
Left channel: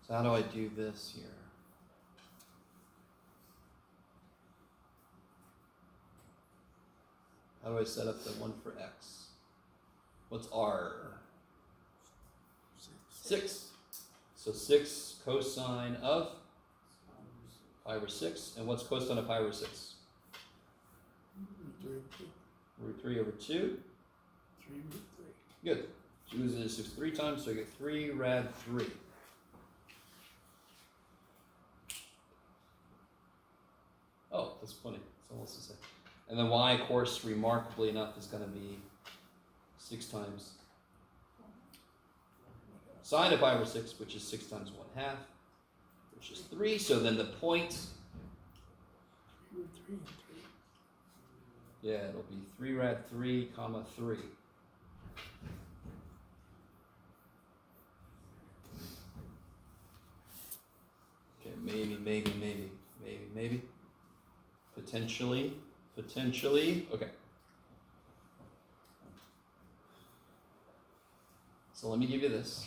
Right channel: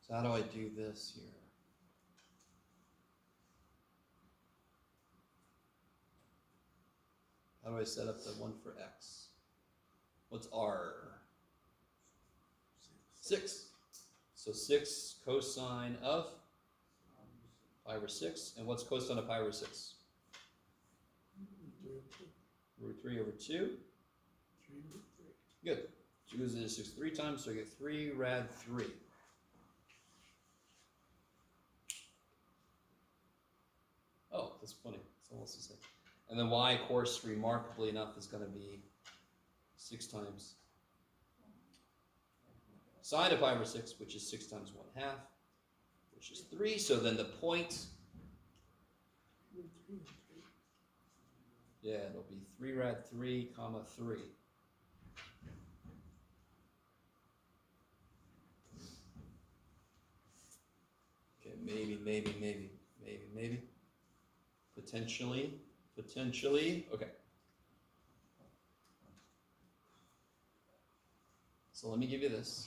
So how do I do this here? How do I set up the one for x? What's r? 6. So 6 cosine of pi over 6. And what's cosine of pi over 6? Root 3 over 2. 3 root 3. Good. 2 is 6 3 times, so I get 3 rad 3. Oh, that's funny. It's almost the same. And then y, of course, remarkably enough, is going to be 6 times sine of pi over 6, which is 6 times 1/2, which is 3. So then the point, Root 3 and 3. yeah, it'll be 3 rad 3, comma 3. Okay, maybe. Potentially. Okay. So let me give you this.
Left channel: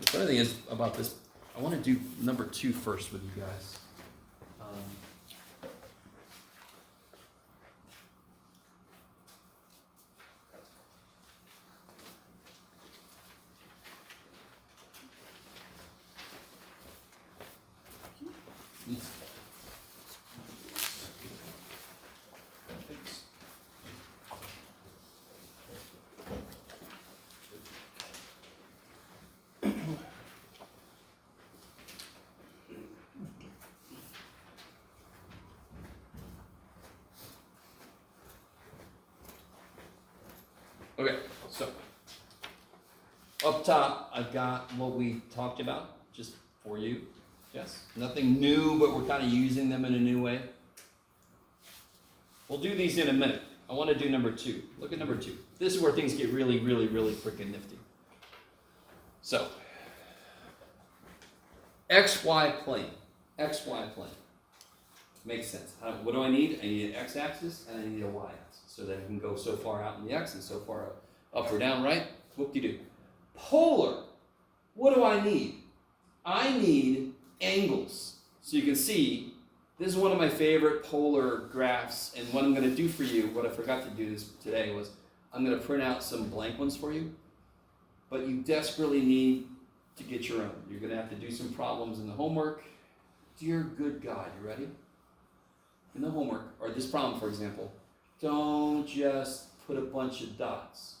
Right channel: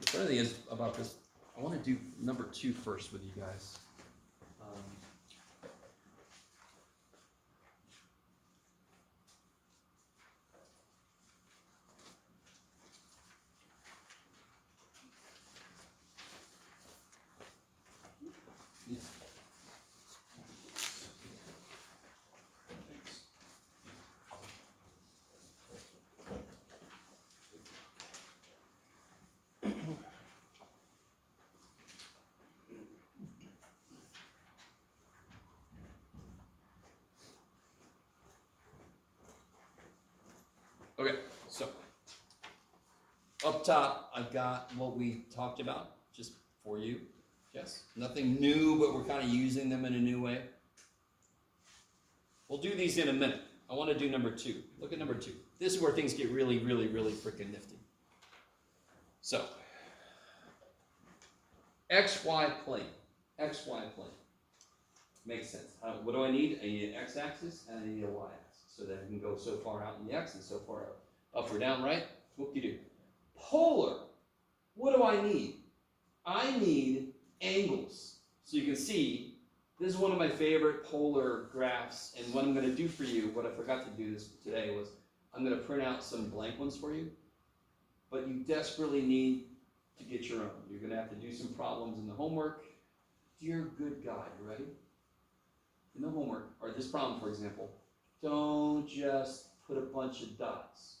The funny thing is about this, I want to do number 2 first with you guys. Okay, so up top, I've got what we talked about just for you. Yes, nothing new, but we're kind of using them in a new way. We'll do these in a minute. I want to do number 2. Look at number 2. This is where things get really freaking nifty. So, XY plane. Makes sense. What do I need? I need an x-axis and I need a y-axis. So that I can go so far out in the x and so far up or down, right? Whoop-de-doo. Polar. What do I need? I need angles. So you can see, this is one of my favorite polar graphs, and what I'm going to do for you, what I forgot to do this today was, I'm going to print out some blank ones for you, but you desperately need to get your own. You're going to have to do some problems in the homework. Dear good God, you ready? In the homework, or this problem, for example, don't just put a bunch of dots.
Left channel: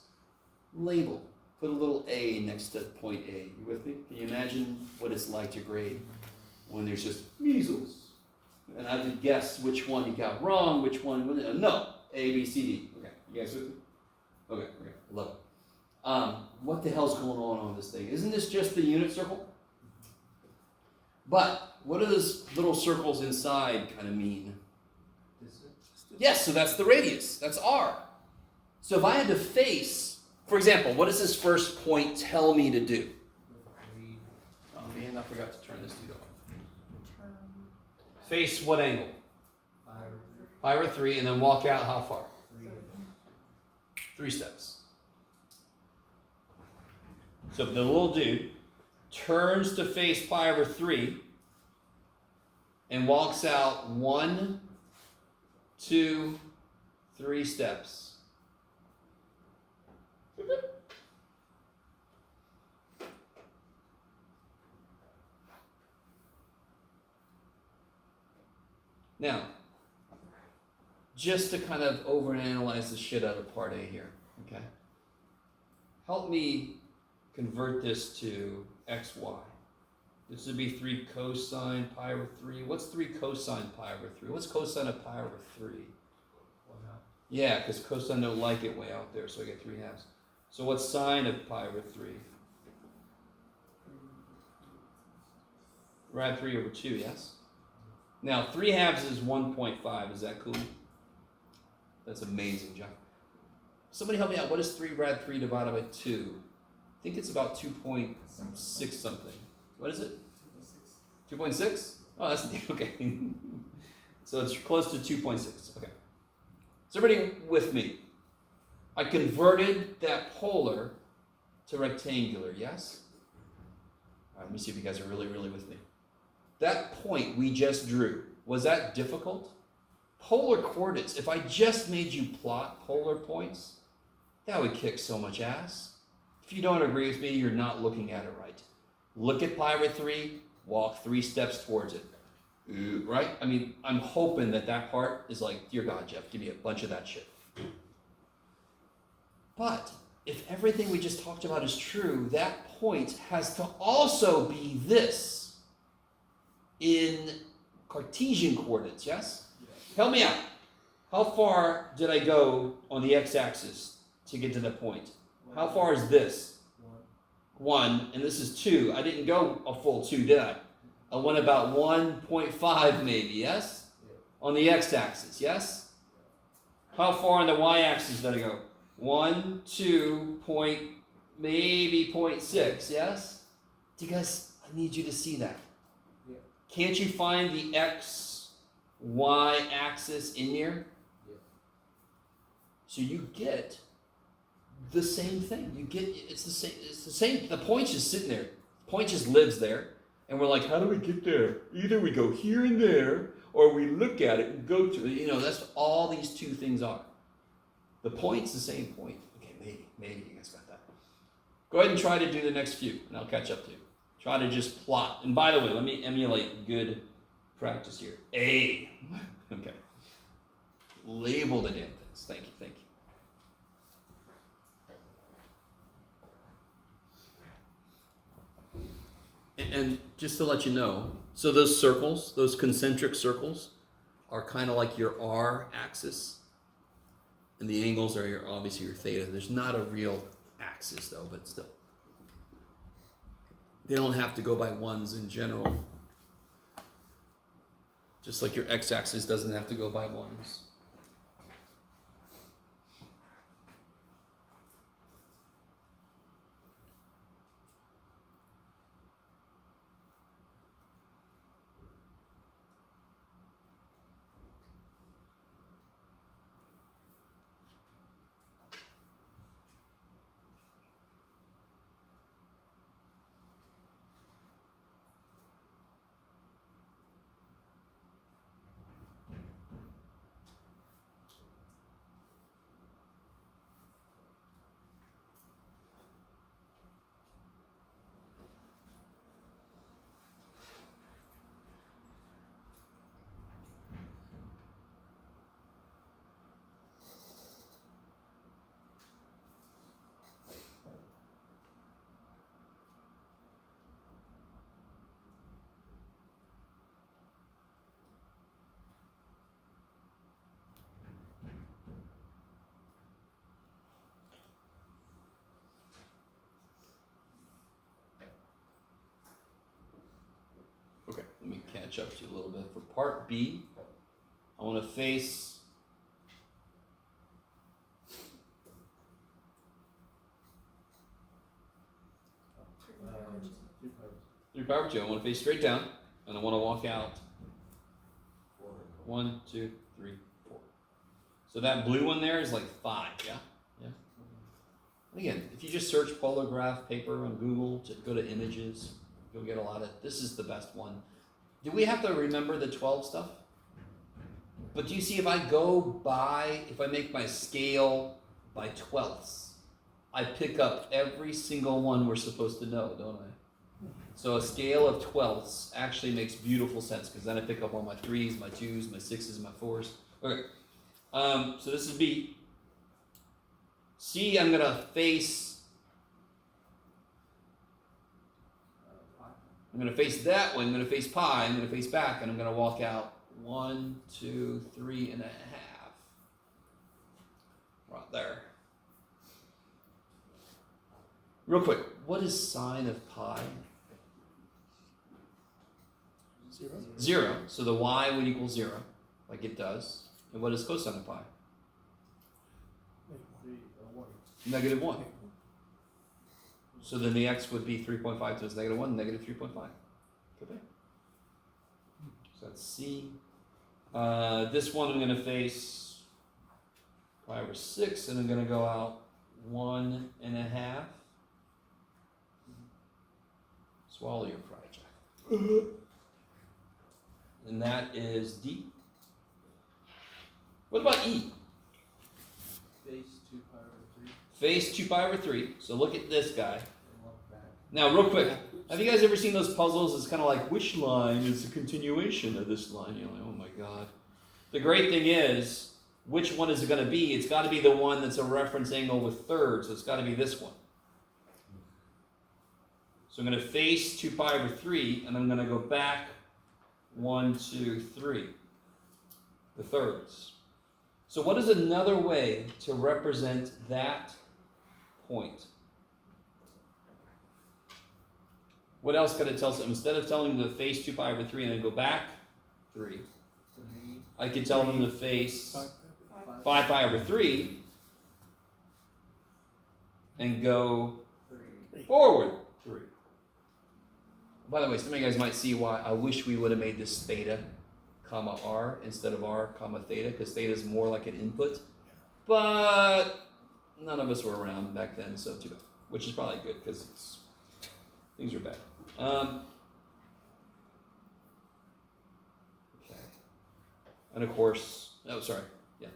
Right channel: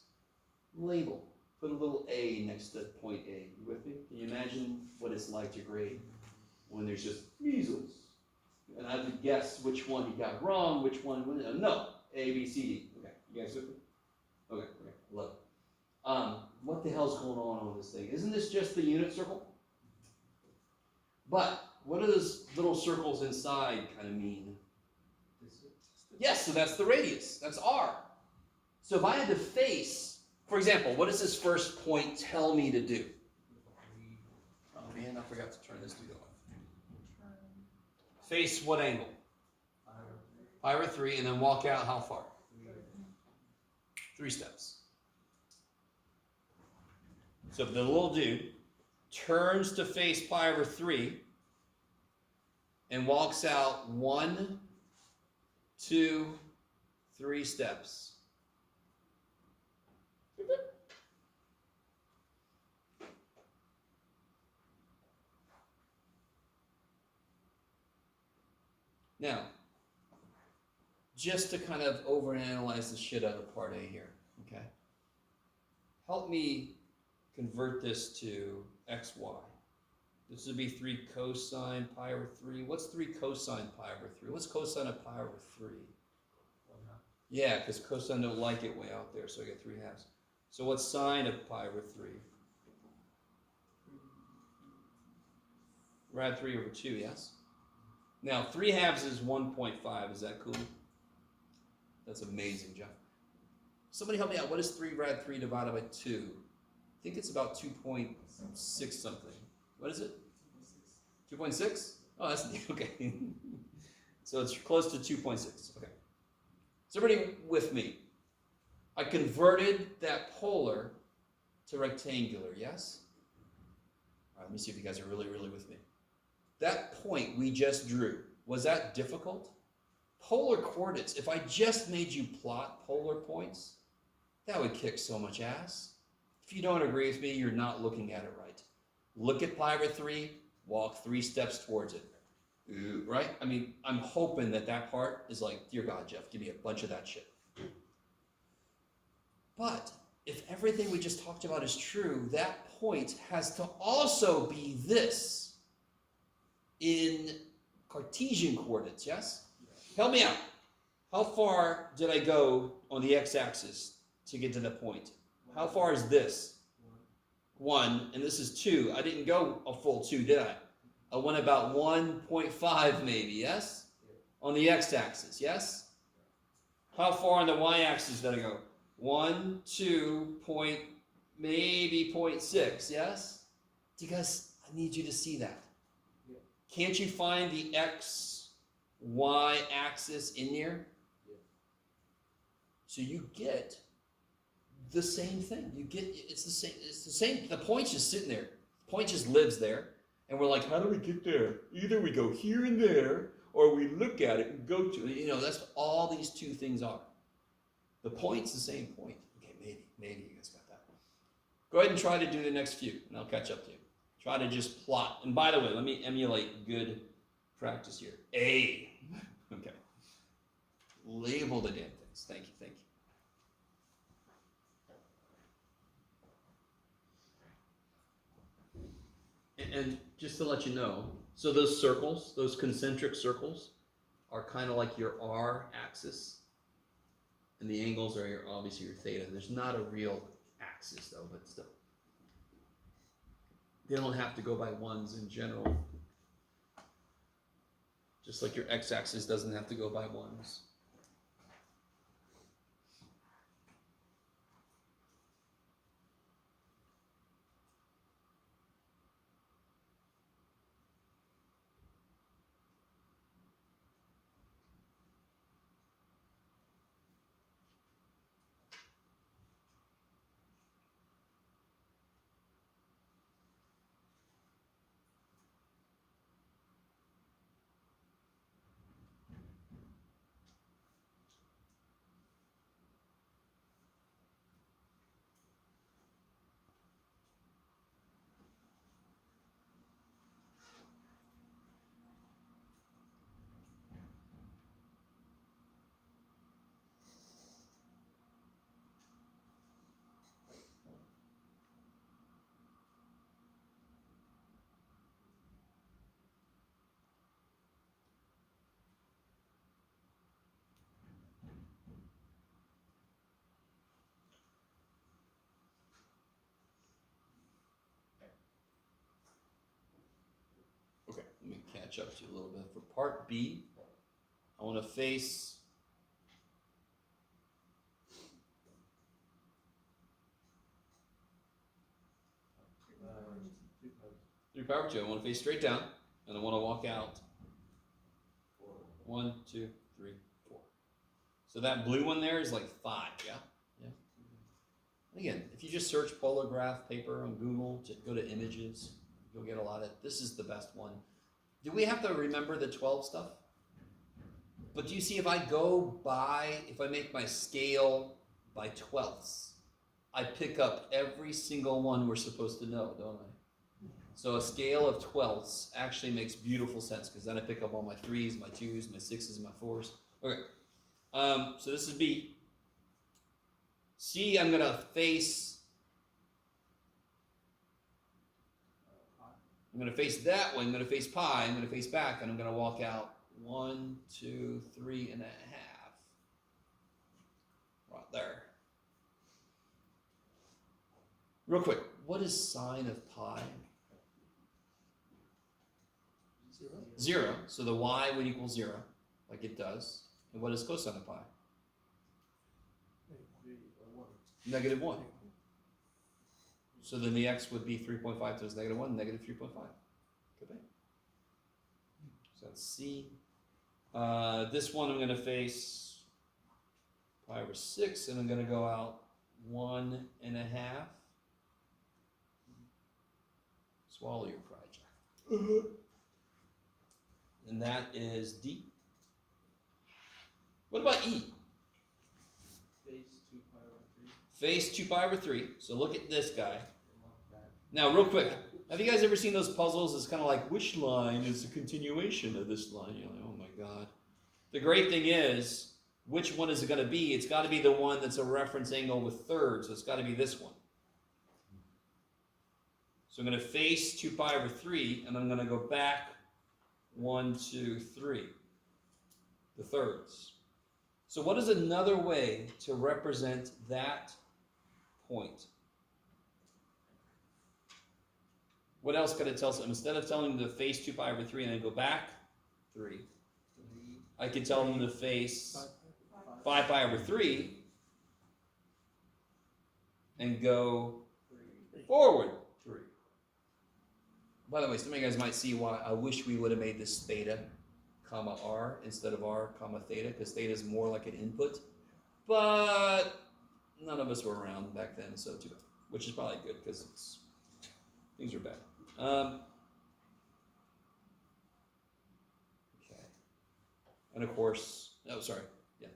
Label. Put a little A next to point A. You with me? Can you imagine what it's like to grade when there's just measles? And I have to guess which one you got wrong, which one, no. A, B, C, D. Okay, you guys with me? Okay, love it. What the hell's going on this thing? Isn't this just the unit circle? But what do those little circles inside kind of mean? Yes, so that's the radius. That's R. So if I had to face, for example, what does this first point tell me to do? Oh man, I forgot to turn this to go. Face what angle? Pi over 3, and then walk out how far? 3 steps. So the little dude turns to face pi over 3 and walks out 1, 2, 3 steps. Now, just to kind of overanalyze the shit out of part A here, okay? Help me convert this to xy. This would be 3 cosine pi over 3. What's 3 cosine pi over 3? What's cosine of pi over 3? 1/2. Yeah, because cosine don't like it way out there, so I get 3/2. So what's sine of pi over 3? Rad 3 over 2, yes? Now, 3/2 is 1.5. Is that cool? That's amazing, John. Somebody help me out. What is 3 rad 3 divided by 2? I think it's about 2.6 something. What is it? 2.6? Oh, that's okay. So it's close to 2.6. Okay. Is everybody with me? I converted that polar to rectangular, yes? All right, let me see if you guys are really, really with me. That point we just drew, was that difficult? Polar coordinates, if I just made you plot polar points, that would kick so much ass. If you don't agree with me, you're not looking at it right. Look at pi over 3, walk 3 steps towards it. Ooh, right? I mean, I'm hoping that part is like, dear God, Jeff, give me a bunch of that shit. But if everything we just talked about is true, that point has to also be this in Cartesian coordinates, yes? Help me out. How far did I go on the x-axis to get to that point? How far is this? 1, and this is 2. I didn't go a full 2, did I? I went about 1.5 maybe, yes? On the x-axis, yes? How far on the y-axis did I go? 1, 2, maybe 0.6, yes? Do you guys, I need you to see that. Yeah. Can't you find the x, y axis in there? Yeah. So you get the same thing. You get, it's the same, the point just sitting there. The point just lives there. And we're like, how do we get there? Either we go here and there, or we look at it and go to it. You know, that's what all these two things are. The point's the same point. Okay, maybe you guys got that. Go ahead and try to do the next few, and I'll catch up to you. Try to just plot. And by the way, let me emulate good practice here. A. Okay. Label the damn things. Thank you, thank you. And just to let you know, so those circles, those concentric circles, are kind of like your R axis. And the angles are obviously your theta. There's not a real axis though, but still. They don't have to go by ones in general. Just like your x-axis doesn't have to go by ones. Okay, let me catch up to you a little bit. For part B, I want to face through power 2. I want to face straight down, and I want to walk out 1, 2, 3, 4. So that blue one there is like 5, yeah? Yeah. And again, if you just search polar graph paper on Google, to go to images, you'll get a lot of, this is the best one. Do we have to remember the 12 stuff? But do you see, if I make my scale by 12ths, I pick up every single one we're supposed to know, don't I? So a scale of 12ths actually makes beautiful sense, because then I pick up all my 3s, my 2s, my 6s, my 4s. Okay, so this is B. C, I'm going to face I'm going to face that way, I'm going to face pi, I'm going to face back, and I'm going to walk out 1, 2, 3.5. Right there. Real quick, what is sine of pi? 0. 0. So the y would equal 0, like it does. And what is cosine of pi? Negative 1. So then the x would be 3.5 times negative 1, negative 3.5. Okay. So that's C. This one I'm going to face pi over 6, and I'm going to go out 1.5. Swallow your pride, Jack. And that is D. What about E? Base 2 pi over 3. Face 2 pi over 3. So look at this guy. And walk back. Now, real quick, have you guys ever seen those puzzles? It's kind of like, which line is the continuation of this line? You're like, oh my god. The great thing is, which one is it going to be? It's got to be the one that's a reference angle with thirds, so it's got to be this one. So I'm going to face 2 pi over 3, and I'm going to go back 1, 2, 3. The thirds. So what is another way to represent that point? What else could it tell us? Instead of telling them to face 2 pi over 3 and then go back 3, I could tell them to face 5 pi over 3 and go forward 3. By the way, some of you guys might see why I wish we would have made this theta, comma r instead of r, comma theta, because theta is more like an input. But none of us were around back then, so too bad. Which is probably good because things are bad. Okay. And of course, oh sorry, yeah.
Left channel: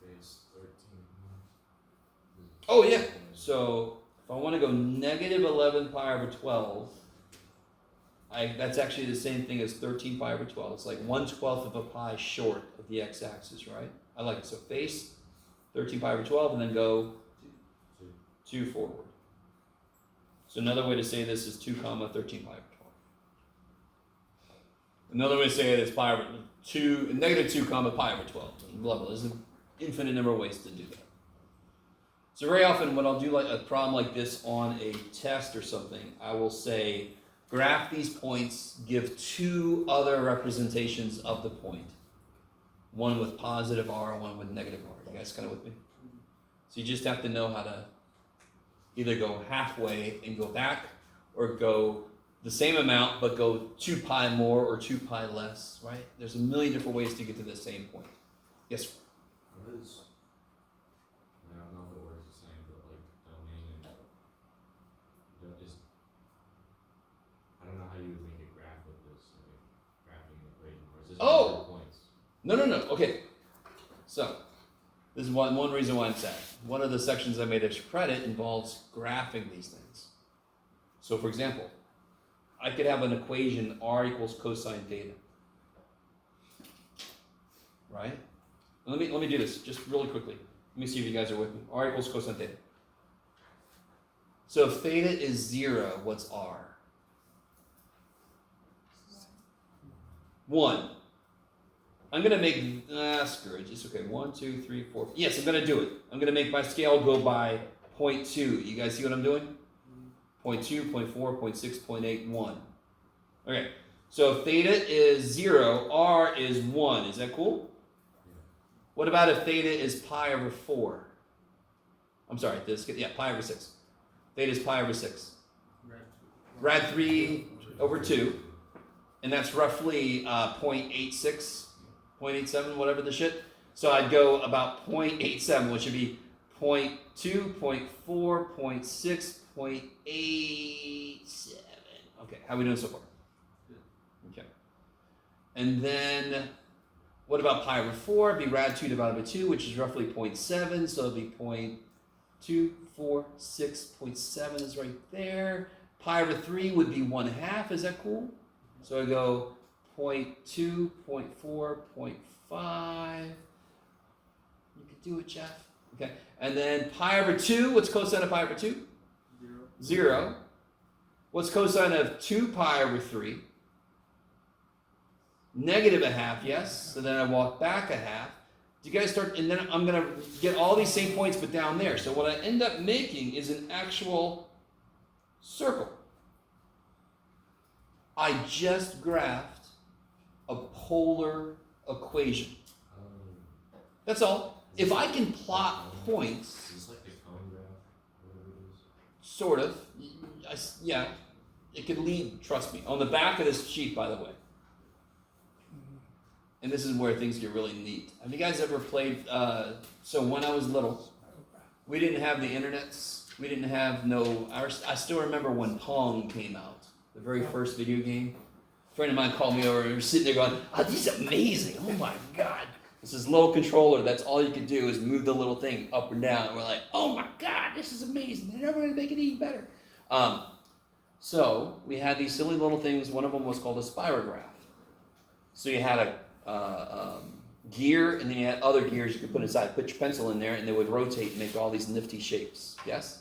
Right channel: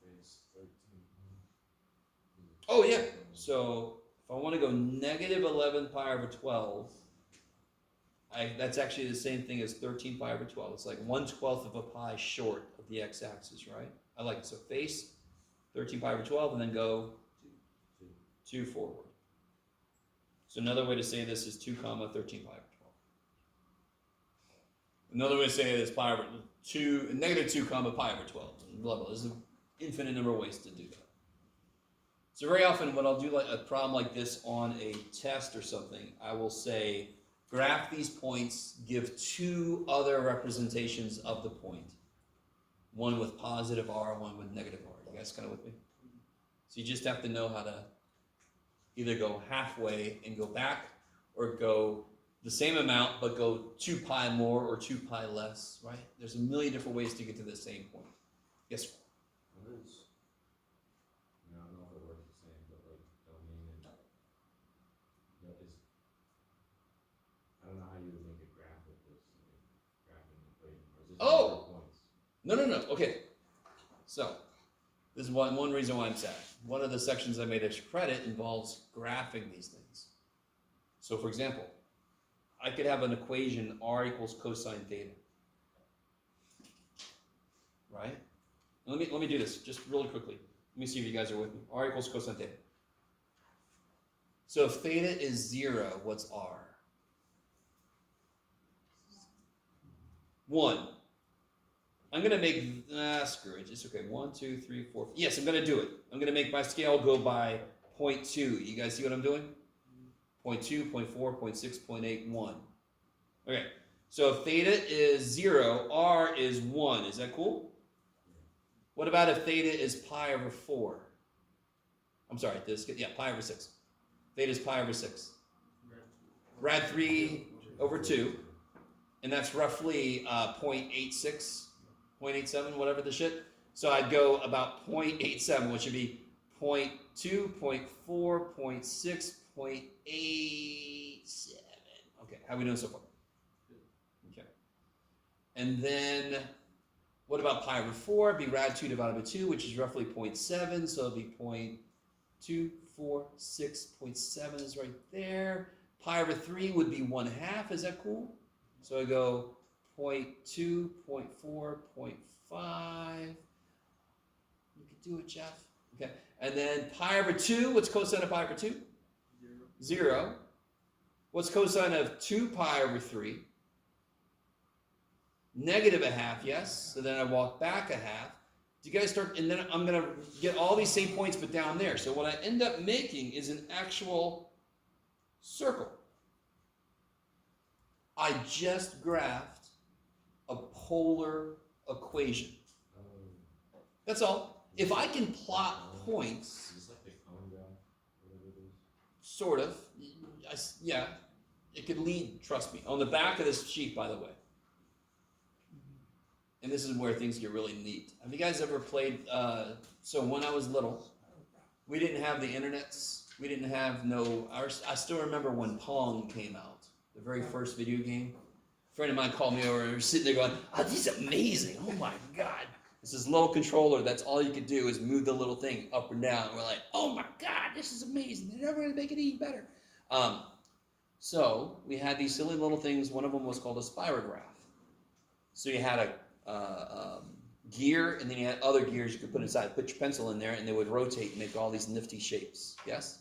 Phase 13. Oh yeah. So if I want to go negative 11 pi over 12, that's actually the same thing as 13 pi over 12. It's like 1/12 of a pi short of the x-axis, right? I like it. So face 13 pi over 12 and then go 2 forward. So another way to say this is 2 comma 13 pi over 12. Another way to say it is pi over 2, negative 2 comma pi over 12. Blah, blah. There's an infinite number of ways to do that. So very often when I'll do like a problem like this on a test or something, I will say, graph these points, give 2 other representations of the point. One with positive r, one with negative r. You guys kind of with me? So you just have to know how to either go halfway and go back, or go the same amount but go 2 pi more or 2 pi less, right? There's a million different ways to get to the same point. Yes? What is, I don't know if it works the same, but like domain and just, I don't know how you would make a graph with this, like graphing the equation, or is this Oh! points? No. Okay. So, this is one reason why I'm sad. One of the sections I made extra credit involves graphing these things. So, for example, I could have an equation r equals cosine theta. Right? Let me do this just really quickly. Let me see if you guys are with me. R equals cosine theta. So if theta is 0, what's r? 1. I'm going to make, screw it, it's okay. 1, 2, 3, 4. Yes, I'm going to do it. I'm going to make my scale go by 0.2. You guys see what I'm doing? 0.2, 0.4, 0.6, 0.8, 1. Okay, so if theta is 0, r is 1. Is that cool? What about if theta is pi over 4? I'm sorry, pi over 6. Theta is pi over 6. Rad 3 over 2. And that's roughly 0.86, 0.87, whatever the shit. So I'd go about 0.87, which would be 0.2, 0.4, 0.6, 0.87. Okay, how are we doing so far? Okay. And then, what about pi over 4? It'd be rad 2 divided by 2, which is roughly 0.7, so it'd be 0.2, 4, 6, 0.7 is right there. Pi over 3 would be 1/2, is that cool? So I go 0.2, 0.4, 0.5. You could do it, Jeff. Okay. And then pi over 2, what's cosine of pi over 2? 0. What's cosine of 2 pi over 3? Negative a half, yes. So then I walk back a half. Do you guys start, and then I'm going to get all these same points but down there. So what I end up making is an actual circle. I just graphed a polar equation. That's all. If I can plot points, Is this like a cone graph, whatever it is? sort of, yeah, it could lead, trust me. On the back of this sheet, by the way. And this is where things get really neat. Have you guys ever played, so when I was little, we didn't have the internets. We didn't have I still remember when Pong came out, the very first video game. A friend of mine called me over and we were sitting there going, oh, this is amazing. Oh my God. It's this little controller. That's all you could do is move the little thing up and down. And we're like, oh my God, this is amazing. They're never going to make it any better. So we had these silly little things. One of them was called a spirograph. So you had a gear, and then you had other gears you could put inside. Put your pencil in there, and they would rotate and make all these nifty shapes. Yes?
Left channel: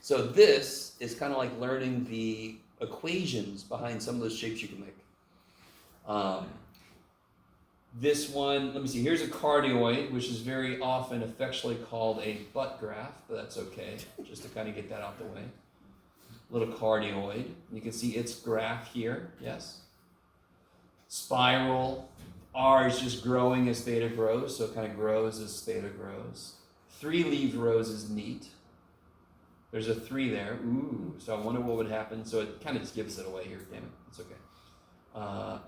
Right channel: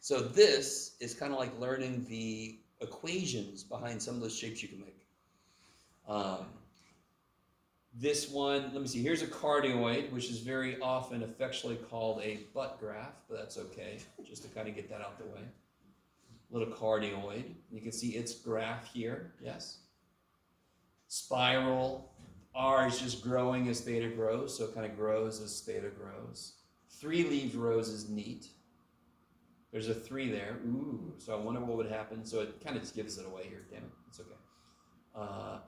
So this is kind of like learning the equations behind some of those shapes you can make. This one, let me see, here's a cardioid, which is very often affectionately called a butt graph, but that's okay, just to kind of get that out the way. Little cardioid. You can see its graph here, yes? Spiral. R is just growing as theta grows, so it kind of grows as theta grows. 3-leaved rows is neat. There's a 3 there. Ooh, so I wonder what would happen. So it kind of just gives it away here. Damn it, it's okay.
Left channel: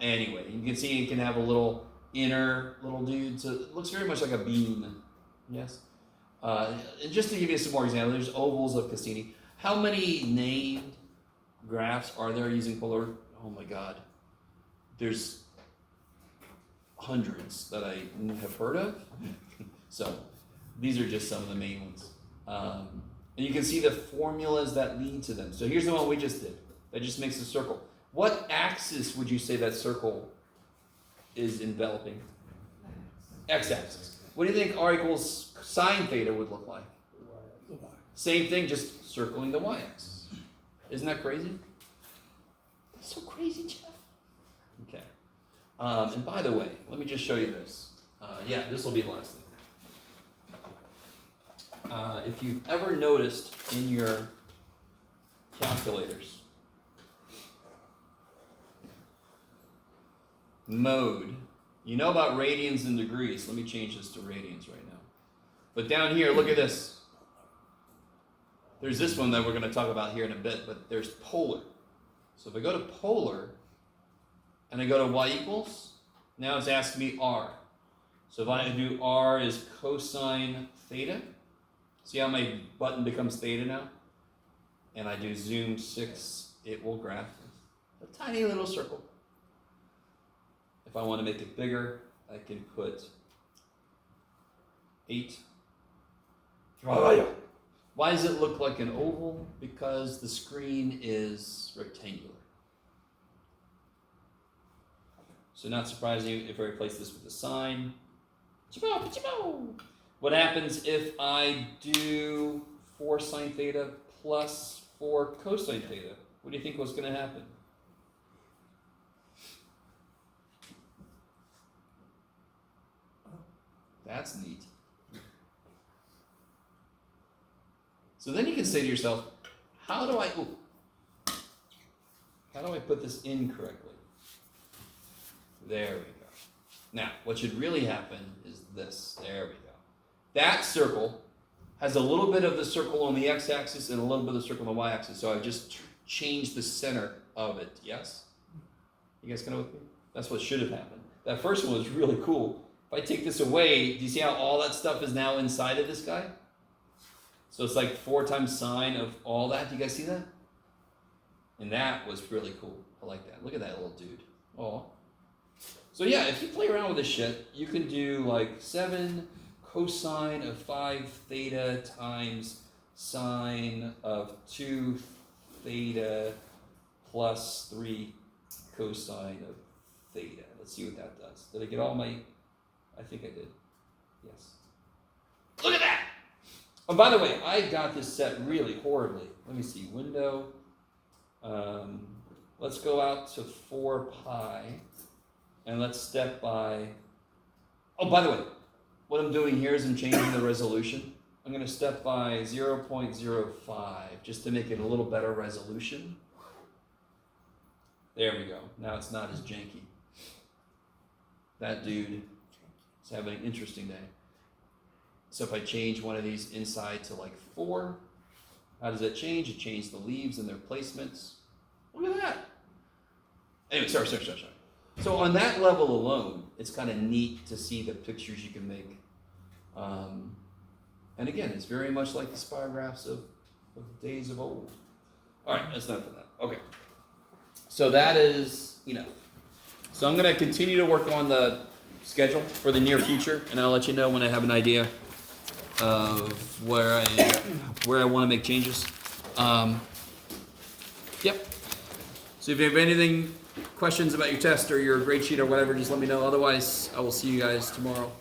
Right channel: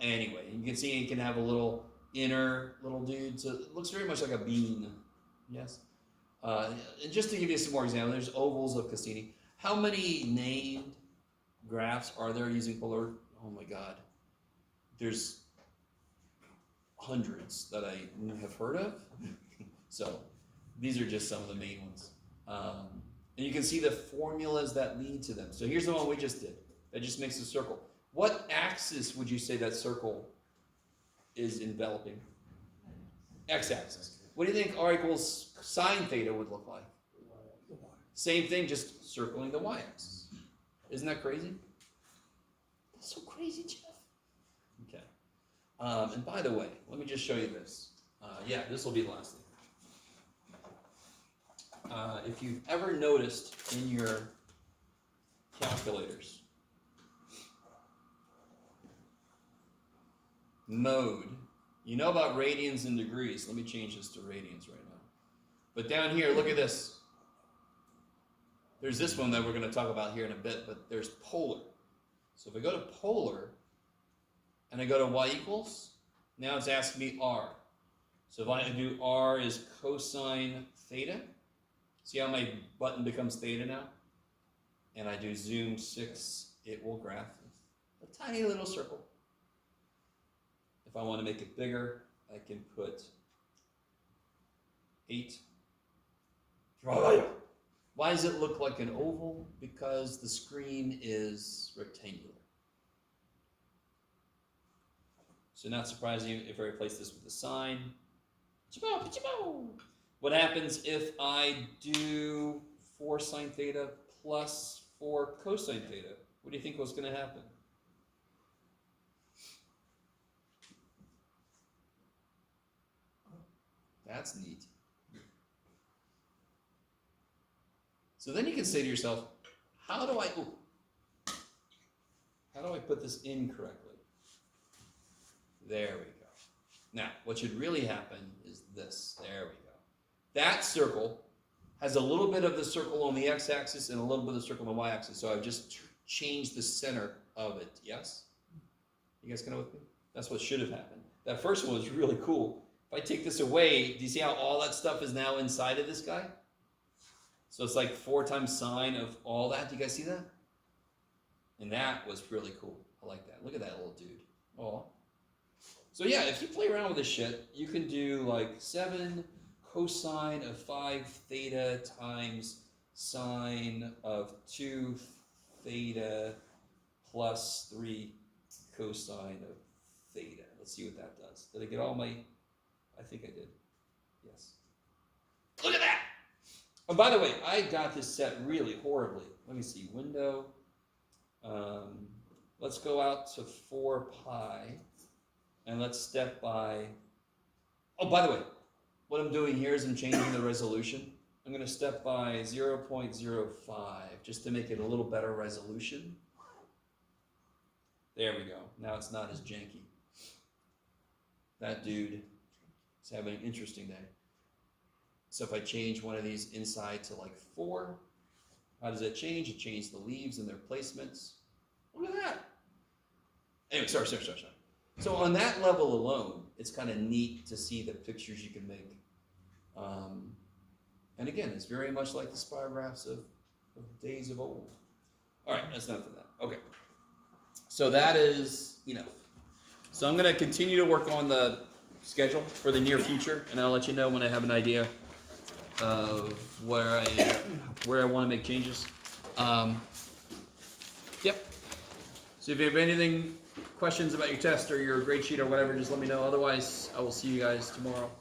Anyway, you can see it can have a little inner little dude. So it looks very much like a bean. Yes. And just to give you some more examples, there's ovals of Cassini. How many named graphs are there using polar? Oh my God. There's hundreds that I have heard of. So these are just some of the main ones. And you can see the formulas that lead to them. So here's the one we just did. That just makes a circle. What axis would you say that circle is enveloping? X-axis. What do you think r equals sine theta would look like? Same thing, just circling the y-axis. Isn't that crazy? That's so crazy, Jeff. Okay. And by the way, let me just show you this. Yeah, this will be the last thing. If you've ever noticed in your calculators, mode, you know about radians and degrees. Let me change this to radians right now. But down here, look at this. There's this one that we're going to talk about here in a bit, but there's polar. So if I go to polar, and I go to y equals, now it's asking me r. So if I do r is cosine theta, see how my button becomes theta now? And I do zoom 6, it will graph a tiny little circle. If I want to make it bigger, I can put 8. Why does it look like an oval? Because the screen is rectangular. So not surprising if I replace this with a sine. What happens if I do 4 sine theta plus 4 cosine theta? What do you think was going to happen? That's neat. So then you can say to yourself, how do I put this in correctly? There we go. Now, what should really happen is this. There we go. That circle has a little bit of the circle on the x-axis and a little bit of the circle on the y-axis. So I've just changed the center of it. Yes? You guys kind of with me? That's what should have happened. That first one was really cool. If I take this away, do you see how all that stuff is now inside of this guy? So it's like 4 times sine of all that. Do you guys see that? And that was really cool. I like that. Look at that little dude. Oh. So yeah, if you play around with this shit, you can do like 7 cosine of 5 theta times sine of 2 theta plus 3 cosine of theta. Let's see what that does. Did I get all my... I think I did. Yes. Look at that! Oh, by the way, I got this set really horribly. Let me see. Window. Let's go out to 4 pi, and let's step by. Oh, by the way, what I'm doing here is I'm changing the resolution. I'm going to step by 0.05 just to make it a little better resolution. There we go. Now it's not as janky. That dude is having an interesting day. So if I change one of these inside to like 4, how does that change? It changed the leaves and their placements. Look at that. Anyway, sorry. So on that level alone, it's kind of neat to see the pictures you can make. And again, it's very much like the spirographs of days of old. All right, that's enough of that. Okay. So that is enough. So I'm going to continue to work on the schedule for the near future, and I'll let you know when I have an idea of where I want to make changes. Yep. So if you have anything, questions about your test or your grade sheet or whatever, just let me know. Otherwise, I will see you guys tomorrow.